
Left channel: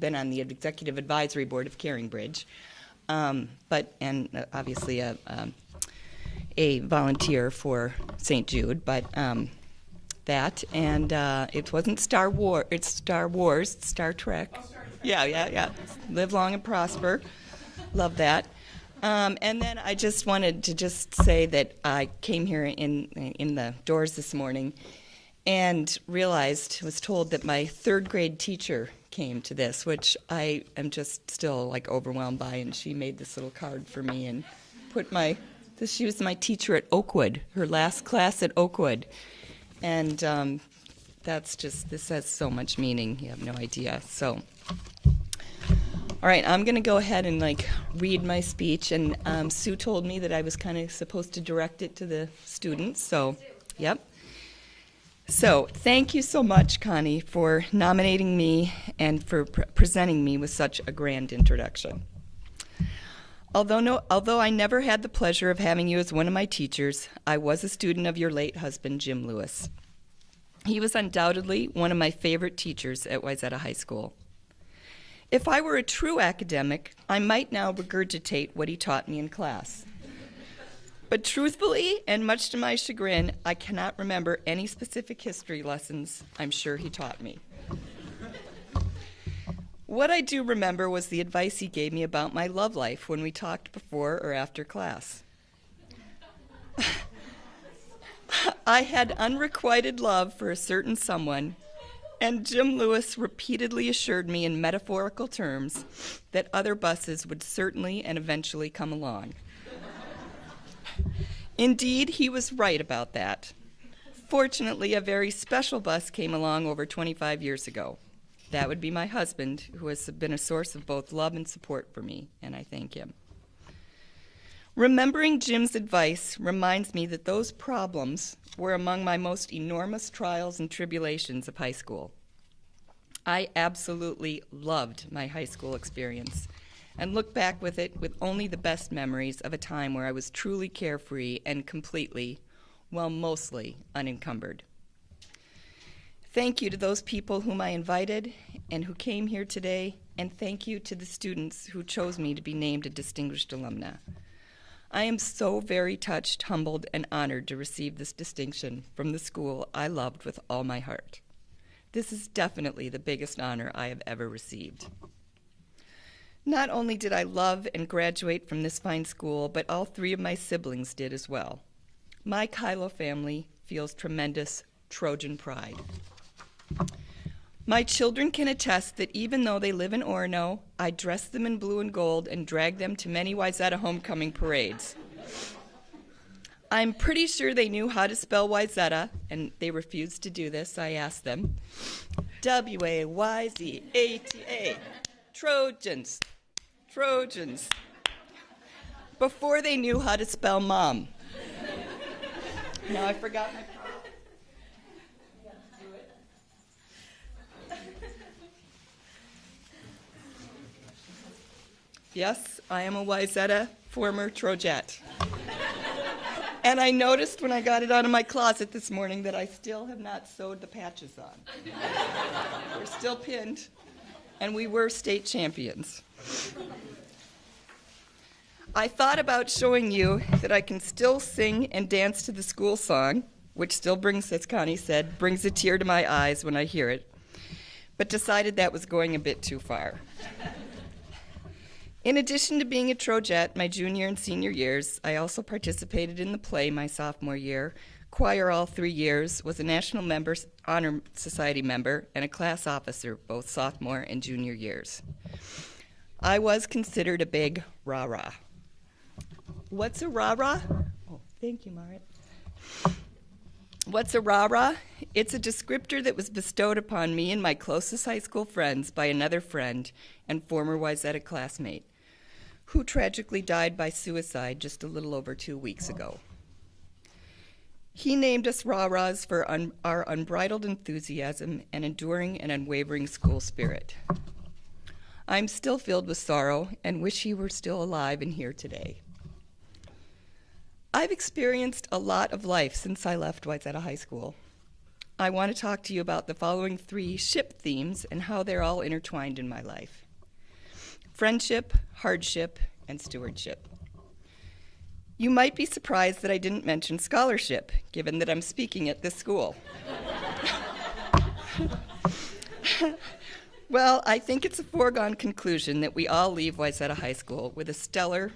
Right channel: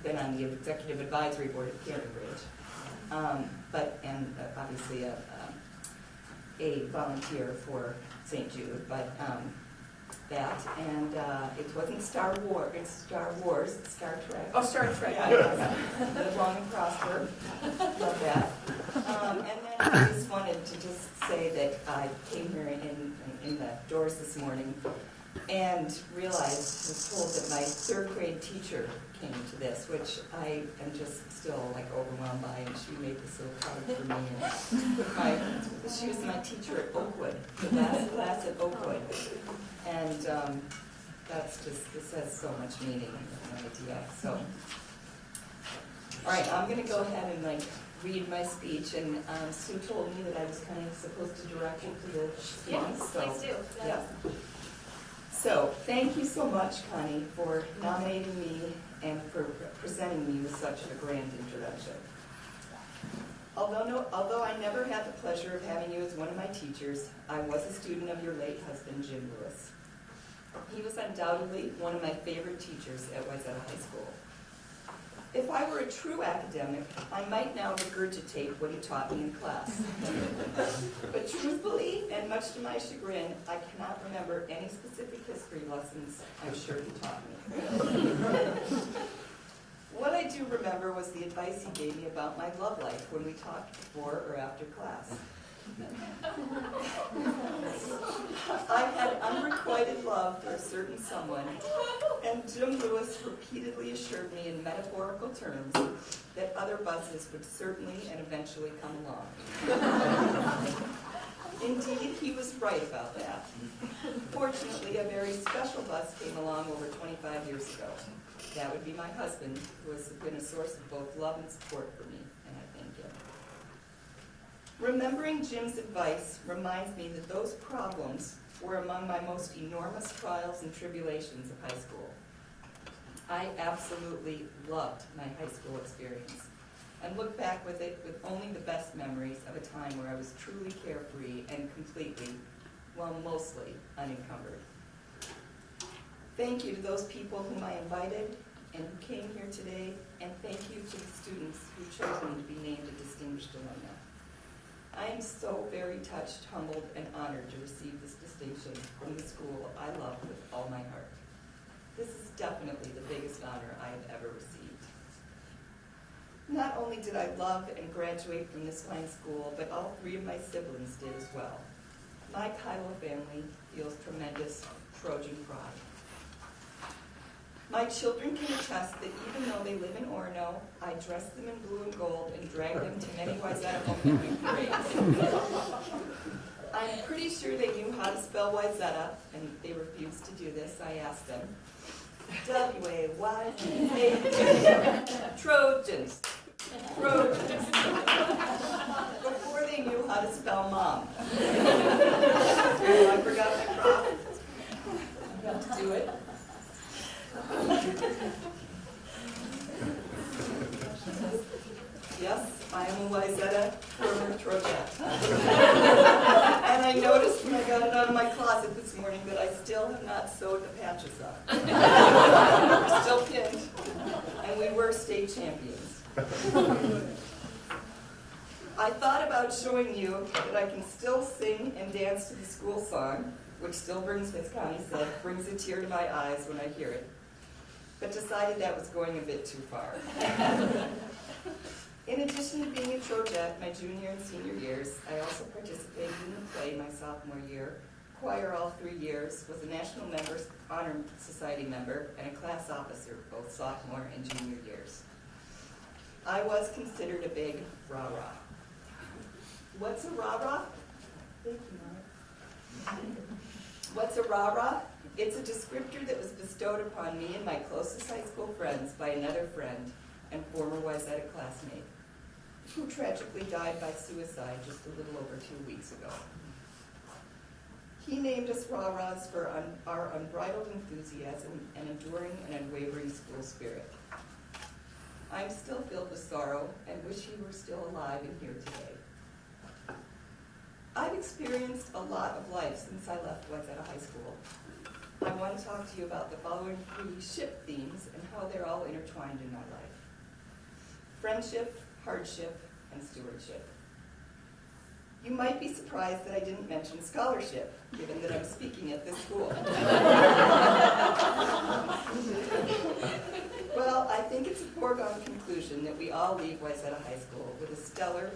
been on the executive advisory board of Caringbridge, and obviously a volunteer for St. Jude. But it wasn't Star Wars. It's Star Wars. Star Trek. Oh, Star Trek. Yeah. Live long and prosper. Love that. And then I just wanted to just say that I came here in the doors this morning and was told that my third grade teacher came to this, which I am just still like overwhelmed by, and she made this little card for me and she was my teacher at Oakwood, her last class at Oakwood. And this has so much meaning, you have no idea. So. All right, I'm going to go ahead and read my speech, and Sue told me that I was kind of supposed to direct it to the students. So, yep. So, thank you so much, Connie, for nominating me and for presenting me with such a grand introduction. Although I never had the pleasure of having you as one of my teachers, I was a student of your late husband, Jim Lewis. He was undoubtedly one of my favorite teachers at Wayzata High School. If I were a true academic, I might now regurgitate what he taught me in class. But truthfully, and much to my chagrin, I cannot remember any specific history lessons I'm sure he taught me. What I do remember was the advice he gave me about my love life when we talked before or after class. I had unrequited love for a certain someone, and Jim Lewis repeatedly assured me in metaphorical terms that other buses would certainly and eventually come along. Indeed, he was right about that. Fortunately, a very special bus came along over 25 years ago. That would be my husband, who has been a source of both love and support for me, and I thank him. Remembering Jim's advice reminds me that those problems were among my most enormous trials and tribulations of high school. I absolutely loved my high school experience and look back with it with only the best memories of a time where I was truly carefree and completely, well, mostly unencumbered. Thank you to those people whom I invited and who came here today, and thank you to the students who chose me to be named a Distinguished Alumna. I am so very touched, humbled, and honored to receive this distinction from the school I loved with all my heart. This is definitely the biggest honor I have ever received. Not only did I love and graduate from this fine school, but all three of my siblings did as well. My Kyllo family feels tremendous Trojan pride. My children can attest that even though they live in Orono, I dress them in blue and gold and drag them to many Wayzata homecoming parades. I'm pretty sure they knew how to spell Wayzata, and they refused to do this. I asked them. W-A-Y-Z-A-T-A. Trojans. Trojans. Before they knew how to spell mom. Oh, I forgot my prop. Do it. Yes, I am a Wayzata former Trojette. And I noticed when I got it out of my closet this morning that I still have not sewed the patches on. They're still pinned, and we were state champions. I thought about showing you that I can still sing and dance to the school song, which still brings, as Connie said, brings a tear to my eyes when I hear it, but decided that was going a bit too far. In addition to being a Trojette my junior and senior years, I also participated in the play my sophomore year, choir all 3 years, was a National Honor Society member, and a class officer both sophomore and junior years. I was considered a big rah-rah. What's a rah-rah? Thank you, Marty. What's a rah-rah? It's a descriptor that was bestowed upon me and my closest high school friends by another friend and former Wayzata classmate, who tragically died by suicide just a little over 2 weeks ago. He named us rah-rahs for our unbridled enthusiasm and enduring and unwavering school spirit. I'm still filled with sorrow and wish he were still alive and here today. I've experienced a lot of life since I left Wayzata High School. I want to talk to you about the following 3 ship themes and how they're all intertwined in my life: friendship, hardship, and stewardship. You might be surprised that I didn't mention scholarship, given that I'm speaking at this school. Well, I think it's a foregone conclusion that we all leave Wayzata High School with a stellar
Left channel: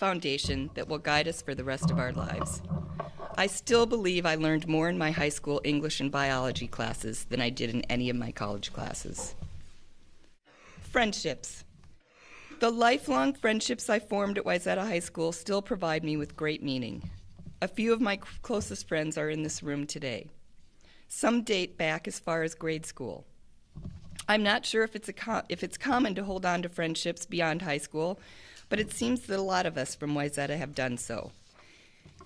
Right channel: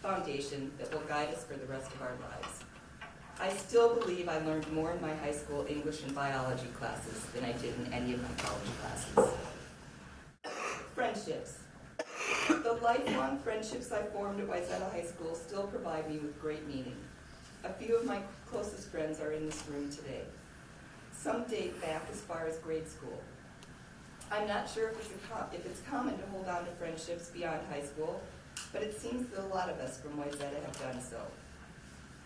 foundation that will guide us for the rest of our lives. I still believe I learned more in my high school English and biology classes than I did in any of my college classes. Friendships. The lifelong friendships I formed at Wayzata High School still provide me with great meaning. A few of my closest friends are in this room today. Some date back as far as grade school. I'm not sure if it's common to hold on to friendships beyond high school, but it seems that a lot of us from Wayzata have done so.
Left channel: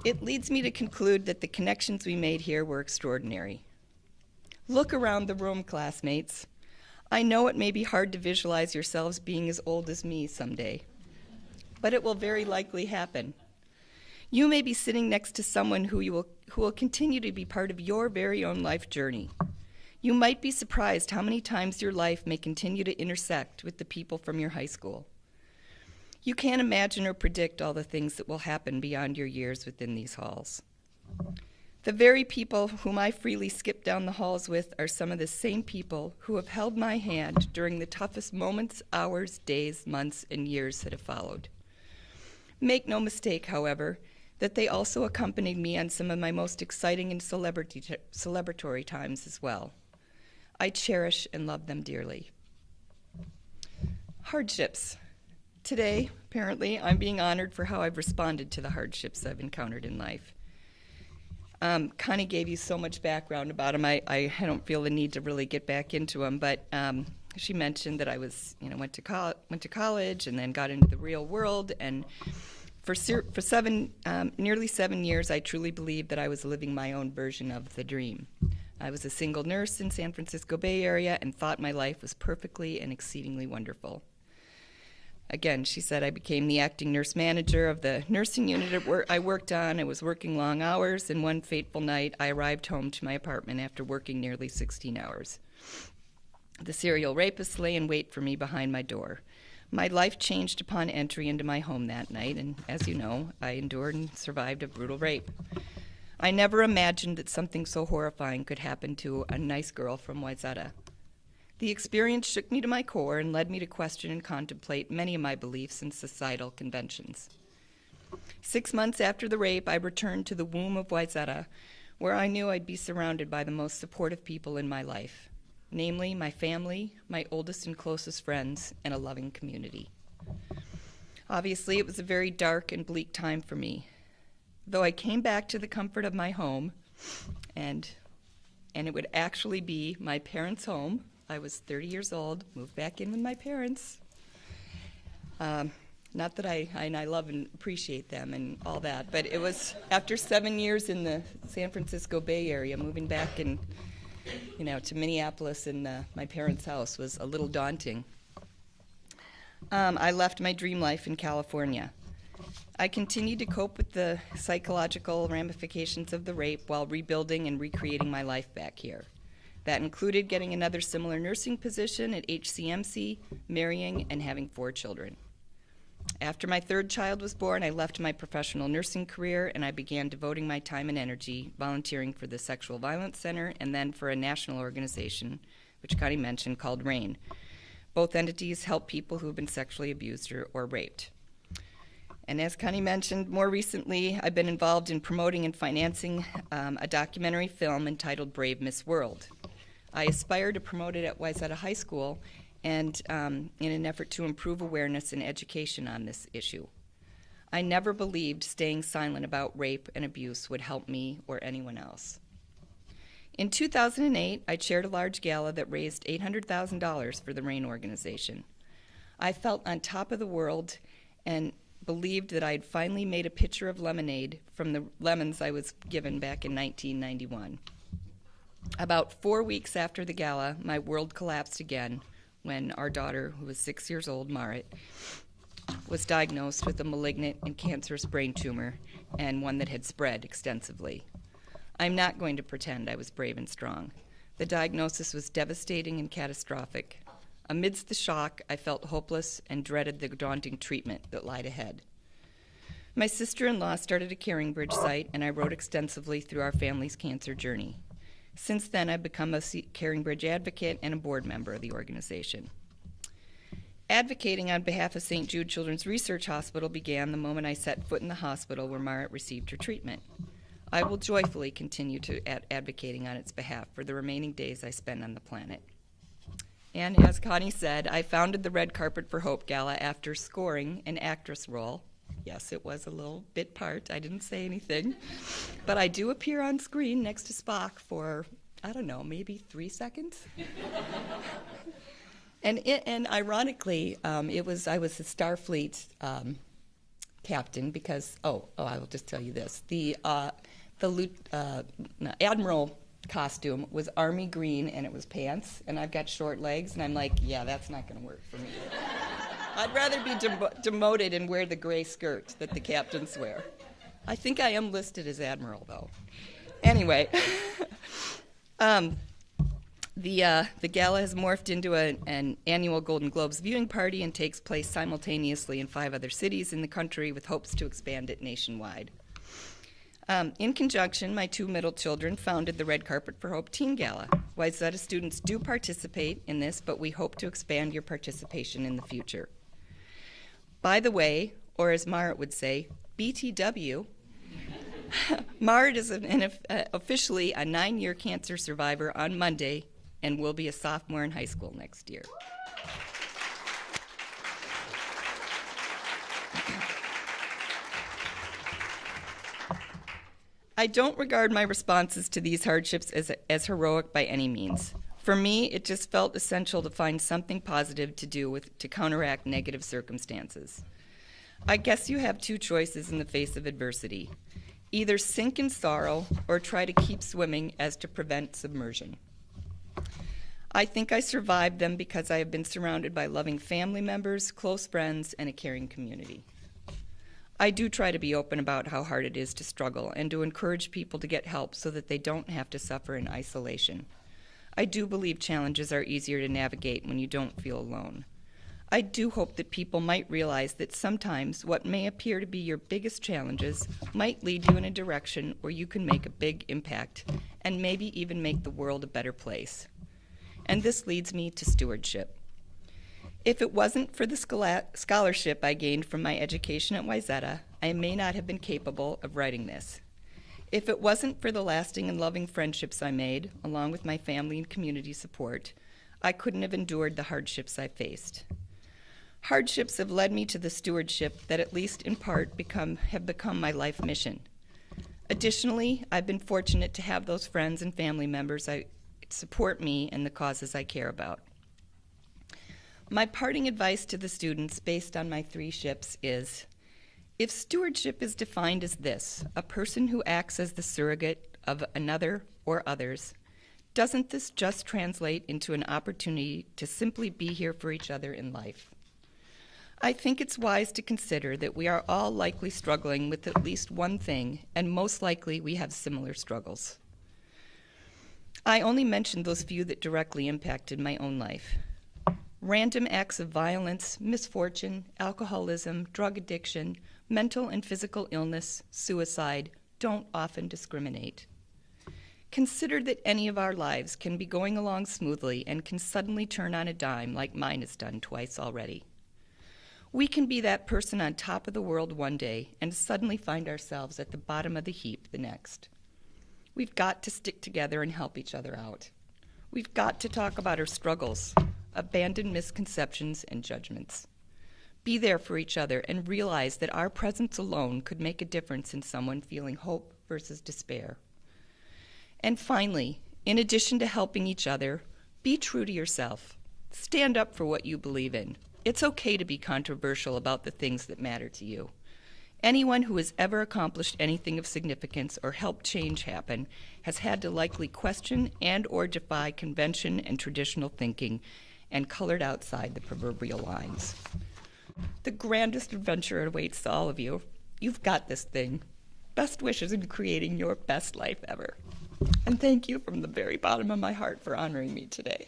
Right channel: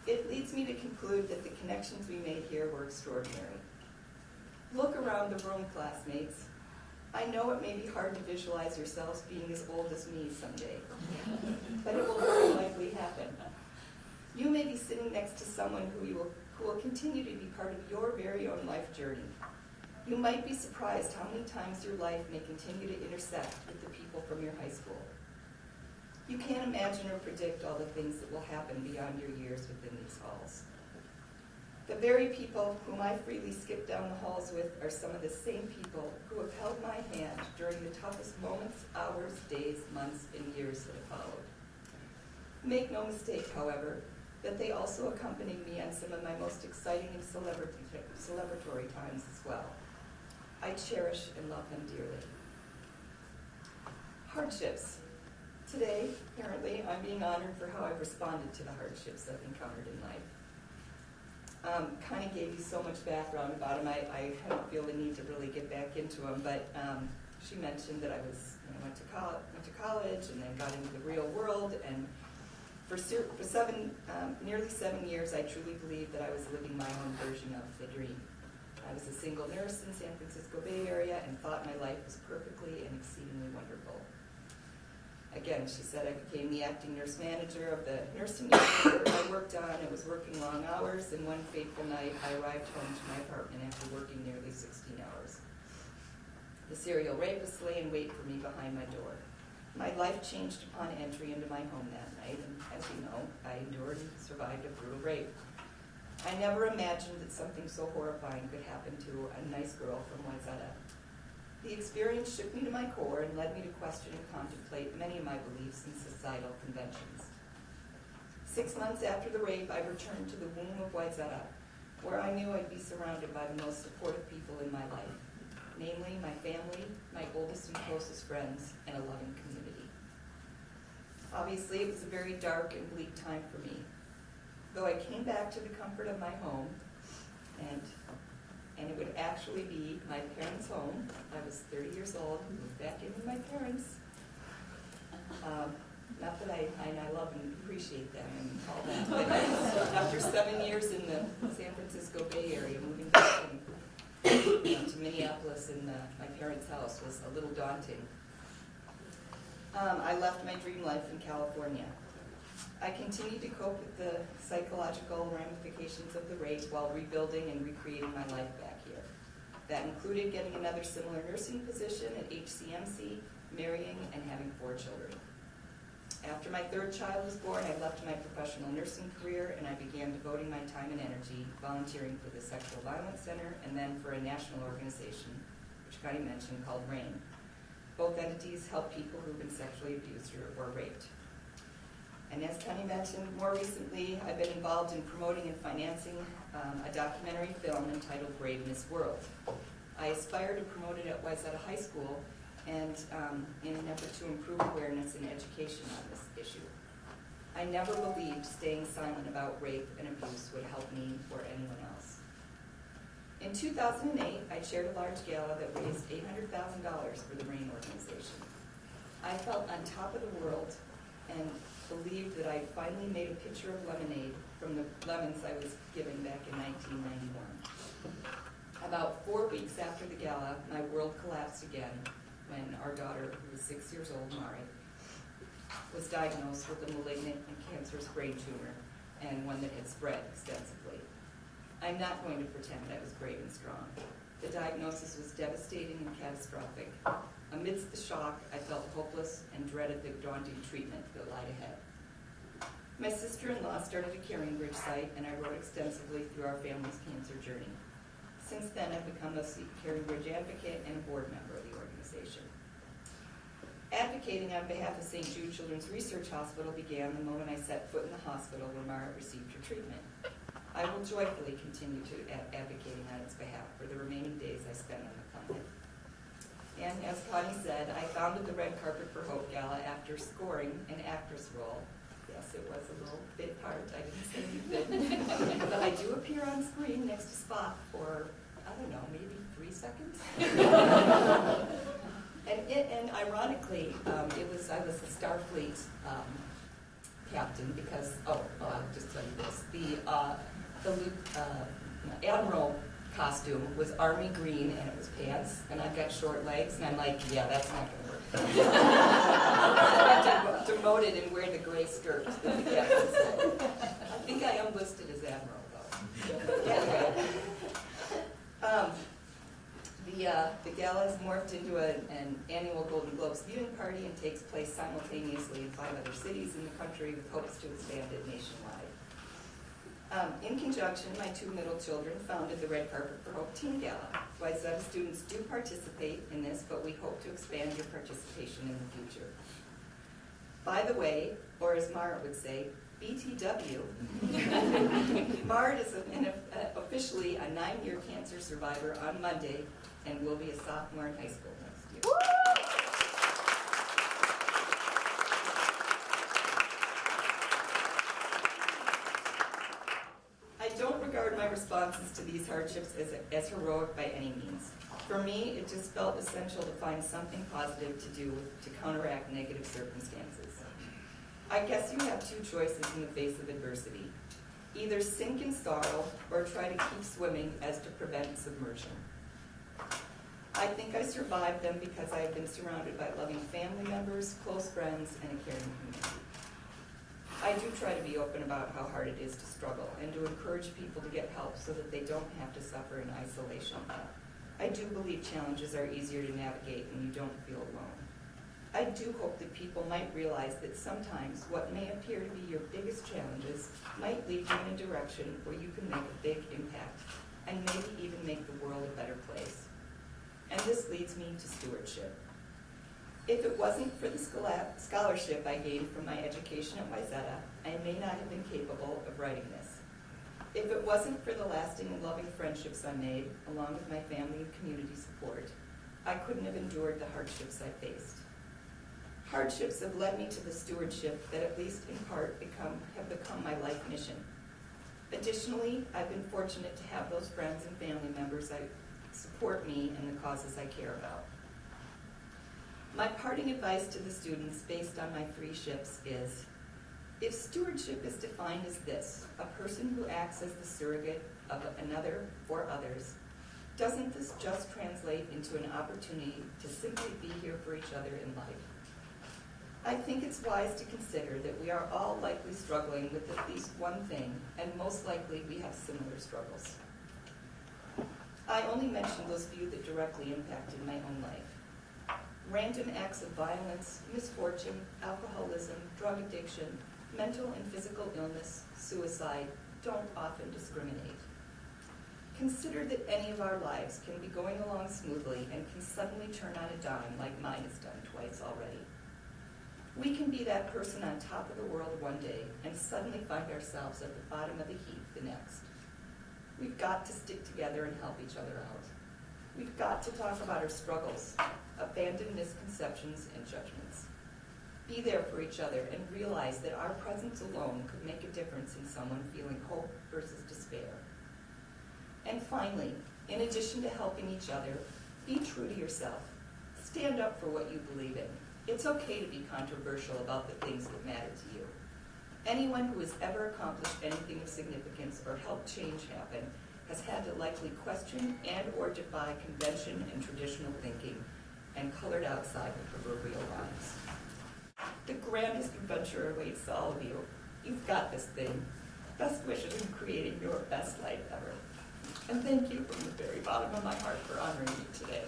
It leads me to conclude that the connections we made here were extraordinary. Look around the room, classmates. I know it may be hard to visualize yourselves being as old as me someday, but it will very likely happen. You may be sitting next to someone who will continue to be part of your very own life journey. You might be surprised how many times your life may continue to intersect with the people from your high school. You can't imagine or predict all the things that will happen beyond your years within these halls. The very people whom I freely skip down the halls with are some of the same people who have held my hand during the toughest moments, hours, days, months, and years that have followed. Make no mistake, however, that they also accompanied me on some of my most exciting and celebratory times as well. I cherish and love them dearly. Hardships. Today, apparently, I'm being honored for how I've responded to the hardships I've encountered in life. Connie gave you so much background about them. I don't feel the need to really get back into them, but she mentioned that I went to college and then got into the real world, and for nearly 7 years, I truly believed that I was living my own version of the dream. I was a single nurse in San Francisco Bay Area and thought my life was perfectly and exceedingly wonderful. Again, she said I became the acting nurse manager of the nursing unit I worked on. I was working long hours, and one fateful night, I arrived home to my apartment after working nearly 16 hours. The serial rapist lay in wait for me behind my door. My life changed upon entry into my home that night, and as you know, I endured and survived a brutal rape. I never imagined that something so horrifying could happen to a nice girl from Wayzata. The experience shook me to my core and led me to question and contemplate many of my beliefs and societal conventions. 6 months after the rape, I returned to the womb of Wayzata, where I knew I'd be surrounded by the most supportive people in my life, namely my family, my oldest and closest friends, and a loving community. Obviously, it was a very dark and bleak time for me. Though I came back to the comfort of my home, and it would actually be my parents' home. I was 30 years old, moved back in with my parents. Not that I love and appreciate them and all that, but it was after 7 years in the San Francisco Bay Area, moving back to Minneapolis in my parents' house was a little daunting. I left my dream life in California. I continued to cope with the psychological ramifications of the rape while rebuilding and recreating my life back here. That included getting another similar nursing position at HCMC, marrying, and having 4 children. After my 3rd child was born, I left my professional nursing career and I began devoting my time and energy volunteering for the Sexual Violence Center and then for a national organization, which Connie mentioned, called RAIN. Both entities help people who have been sexually abused or raped. And as Connie mentioned, more recently, I've been involved in promoting and financing a documentary film entitled Brave Miss World. I aspire to promote it at Wayzata High School and in an effort to improve awareness and education on this issue. I never believed staying silent about rape and abuse would help me or anyone else. In 2008, I chaired a large gala that raised $800,000 for the RAIN organization. I felt on top of the world and believed that I had finally made a pitcher of lemonade from the lemons I was given back in 1991. About 4 weeks after the gala, my world collapsed again when our daughter, who was 6 years old, Marty, was diagnosed with a malignant and cancerous brain tumor and one that had spread extensively. I'm not going to pretend I was brave and strong. The diagnosis was devastating and catastrophic. Amidst the shock, I felt hopeless and dreaded the daunting treatment that lied ahead. My sister-in-law started a Caring Bridge site, and I wrote extensively through our family's cancer journey. Since then, I've become a Caring Bridge advocate and a board member of the organization. Advocating on behalf of St. Jude Children's Research Hospital began the moment I set foot in the hospital where Margaret received her treatment. I will joyfully continue to advocating on its behalf for the remaining days I spend on the planet. And as Connie said, I founded the Red Carpet for Hope Gala after scoring an actress role. Yes, it was a little bit part. I didn't say anything. But I do appear on screen next to Spock for, I don't know, maybe 3 seconds. And ironically, I was the Starfleet captain because, I'll just tell you this. The Admiral costume was army green and it was pants, and I've got short legs, and I'm like, yeah, that's not gonna work. I'd rather be demoted and wear the gray skirt that the captains wear. I think I am listed as Admiral, though. Anyway, the gala has morphed into an annual Golden Globes viewing party and takes place simultaneously in 5 other cities in the country with hopes to expand it nationwide. In conjunction, my 2 middle children founded the Red Carpet for Hope Teen Gala. Wayzata students do participate in this, but we hope to expand your participation in the future. By the way, or as Margaret would say, BTW, Margaret is officially a 9-year cancer survivor on Monday and will be a sophomore in high school next year. I don't regard my responses to these hardships as heroic by any means. For me, it just felt essential to find something positive to do to counteract negative circumstances. I guess you have 2 choices in the face of adversity. Either sink in sorrow or try to keep swimming as to prevent submersion. I think I survived them because I have been surrounded by loving family members, close friends, and a caring community. I do try to be open about how hard it is to struggle and to encourage people to get help so that they don't have to suffer in isolation. I do believe challenges are easier to navigate when you don't feel alone. I do hope that people might realize that sometimes what may appear to be your biggest challenges might lead you in a direction where you can make a big impact and maybe even make the world a better place. And this leads me to stewardship. If it wasn't for the scholarship I gained from my education at Wayzata, I may not have been capable of writing this. If it wasn't for the lasting and loving friendships I made, along with my family and community support, I couldn't have endured the hardships I faced. Hardships have led me to the stewardship that, at least in part, have become my life mission. Additionally, I've been fortunate to have those friends and family members that support me in the causes I care about. My parting advice to the students based on my 3 ships is, if stewardship is defined as this, a person who acts as the surrogate of another or others, doesn't this just translate into an opportunity to simply be here for each other in life? I think it's wise to consider that we are all likely struggling with at least one thing, and most likely we have similar struggles. I only mentioned those few that directly impacted my own life. Random acts of violence, misfortune, alcoholism, drug addiction, mental and physical illness, suicide don't often discriminate. Consider that any of our lives can be going along smoothly and can suddenly turn on a dime like mine has done twice already. We can be that person on top of the world one day and suddenly find ourselves at the bottom of the heap the next. We've got to stick together and help each other out. We've got to talk about our struggles, abandon misconceptions and judgments. Be there for each other and realize that our presence alone could make a difference in someone feeling hope versus despair. And finally, in addition to helping each other, be true to yourself. Stand up for what you believe in. It's okay to be controversial about the things that matter to you. Anyone who has ever accomplished anything of significance or helped change happen has had to likely question and or defy convention and traditional thinking and colored outside the proverbial lines. The grandest adventure awaits all of you. You've got this thing. Best wishes in creating your best life ever. And thank you from the very bottom of my heart for honoring me today.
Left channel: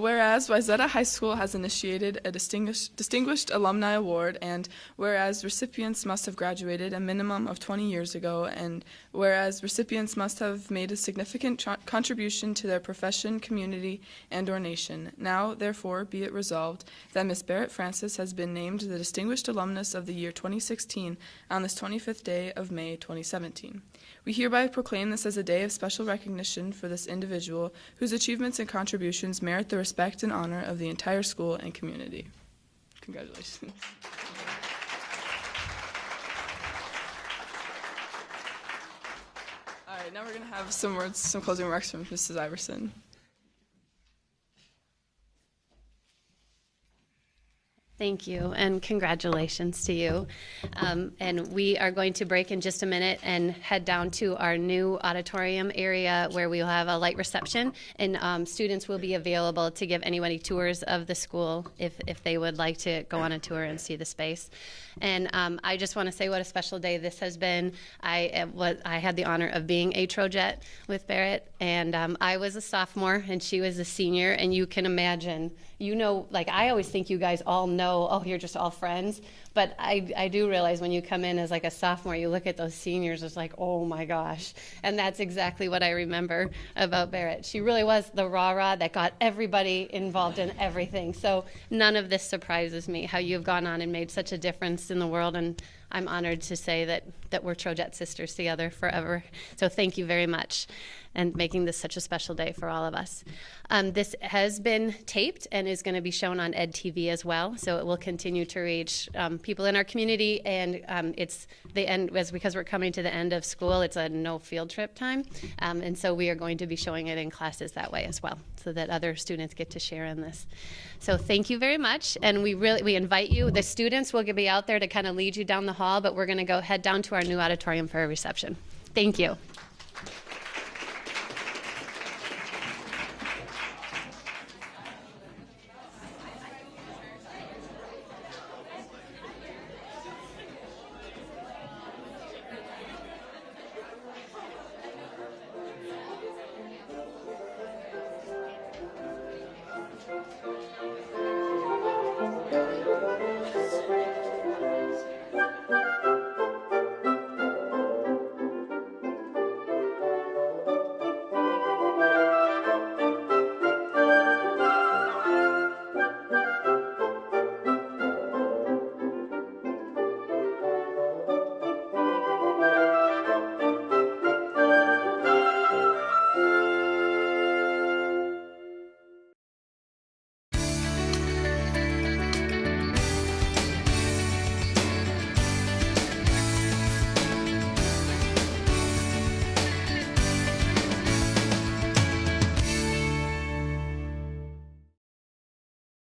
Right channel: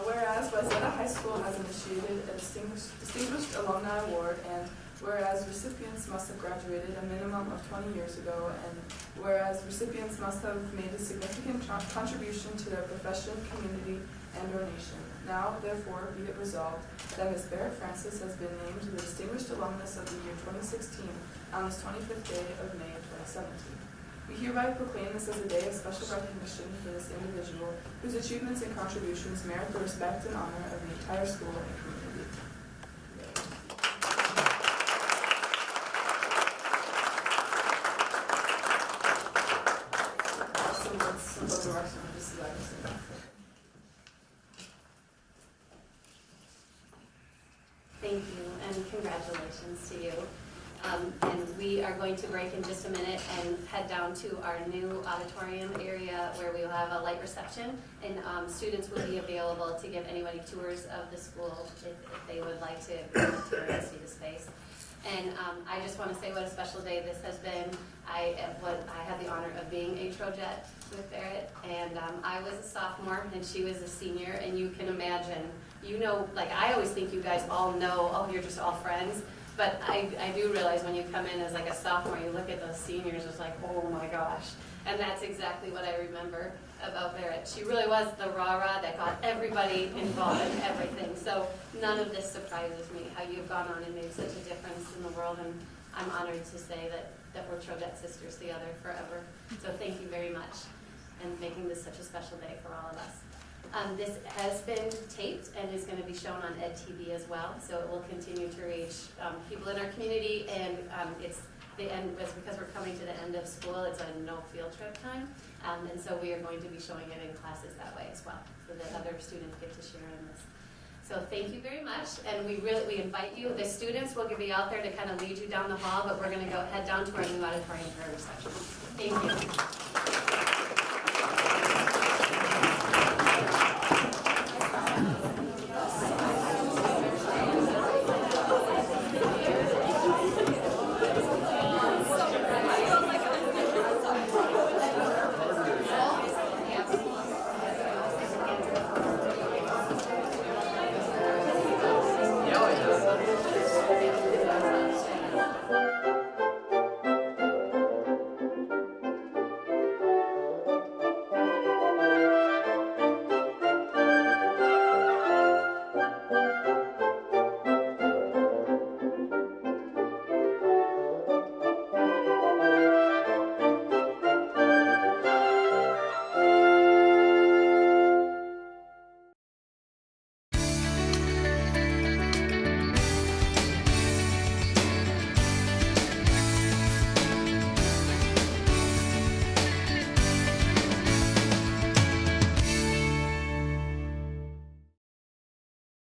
Whereas Wayzata High School has initiated a Distinguished Alumni Award, and whereas recipients must have graduated a minimum of 20 years ago, and whereas recipients must have made a significant contribution to their profession, community, and/or nation. Now, therefore, be it resolved that Ms. Barrett Francis has been named the Distinguished Alumnus of the year 2016 on this 25th day of May 2017. We hereby proclaim this as a day of special recognition for this individual whose achievements and contributions merit the respect and honor of the entire school and community. Congratulations. All right, now we're going to have some closing remarks from Mrs. Iverson. Thank you, and congratulations to you. And we are going to break in just a minute and head down to our new auditorium area where we will have a light reception, and students will be available to give anybody tours of the school if they would like to go on a tour and see the space. And I just want to say what a special day this has been. I had the honor of being a Trojet with Berit, and I was a sophomore and she was a senior, and you can imagine, you know, like I always think you guys all know, oh, you're just all friends. But I do realize when you come in as like a sophomore, you look at those seniors, it's like, oh my gosh. And that's exactly what I remember about Berit. She really was the rah-rah that got everybody involved in everything. So none of this surprises me, how you've gone on and made such a difference in the world. And I'm honored to say that we're Trojet sisters together forever. So thank you very much, and making this such a special day for all of us. This has been taped and is going to be shown on Ed TV as well, so it will continue to reach people in our community, and it's the end, because we're coming to the end of school, it's a no field trip time, and so we are going to be showing it in classes that way as well, so that other students get to share in this. So thank you very much, and we invite you. The students will be out there to kind of lead you down the hall, but we're going to go head down to our new auditorium for a reception. Thank you. Thank you.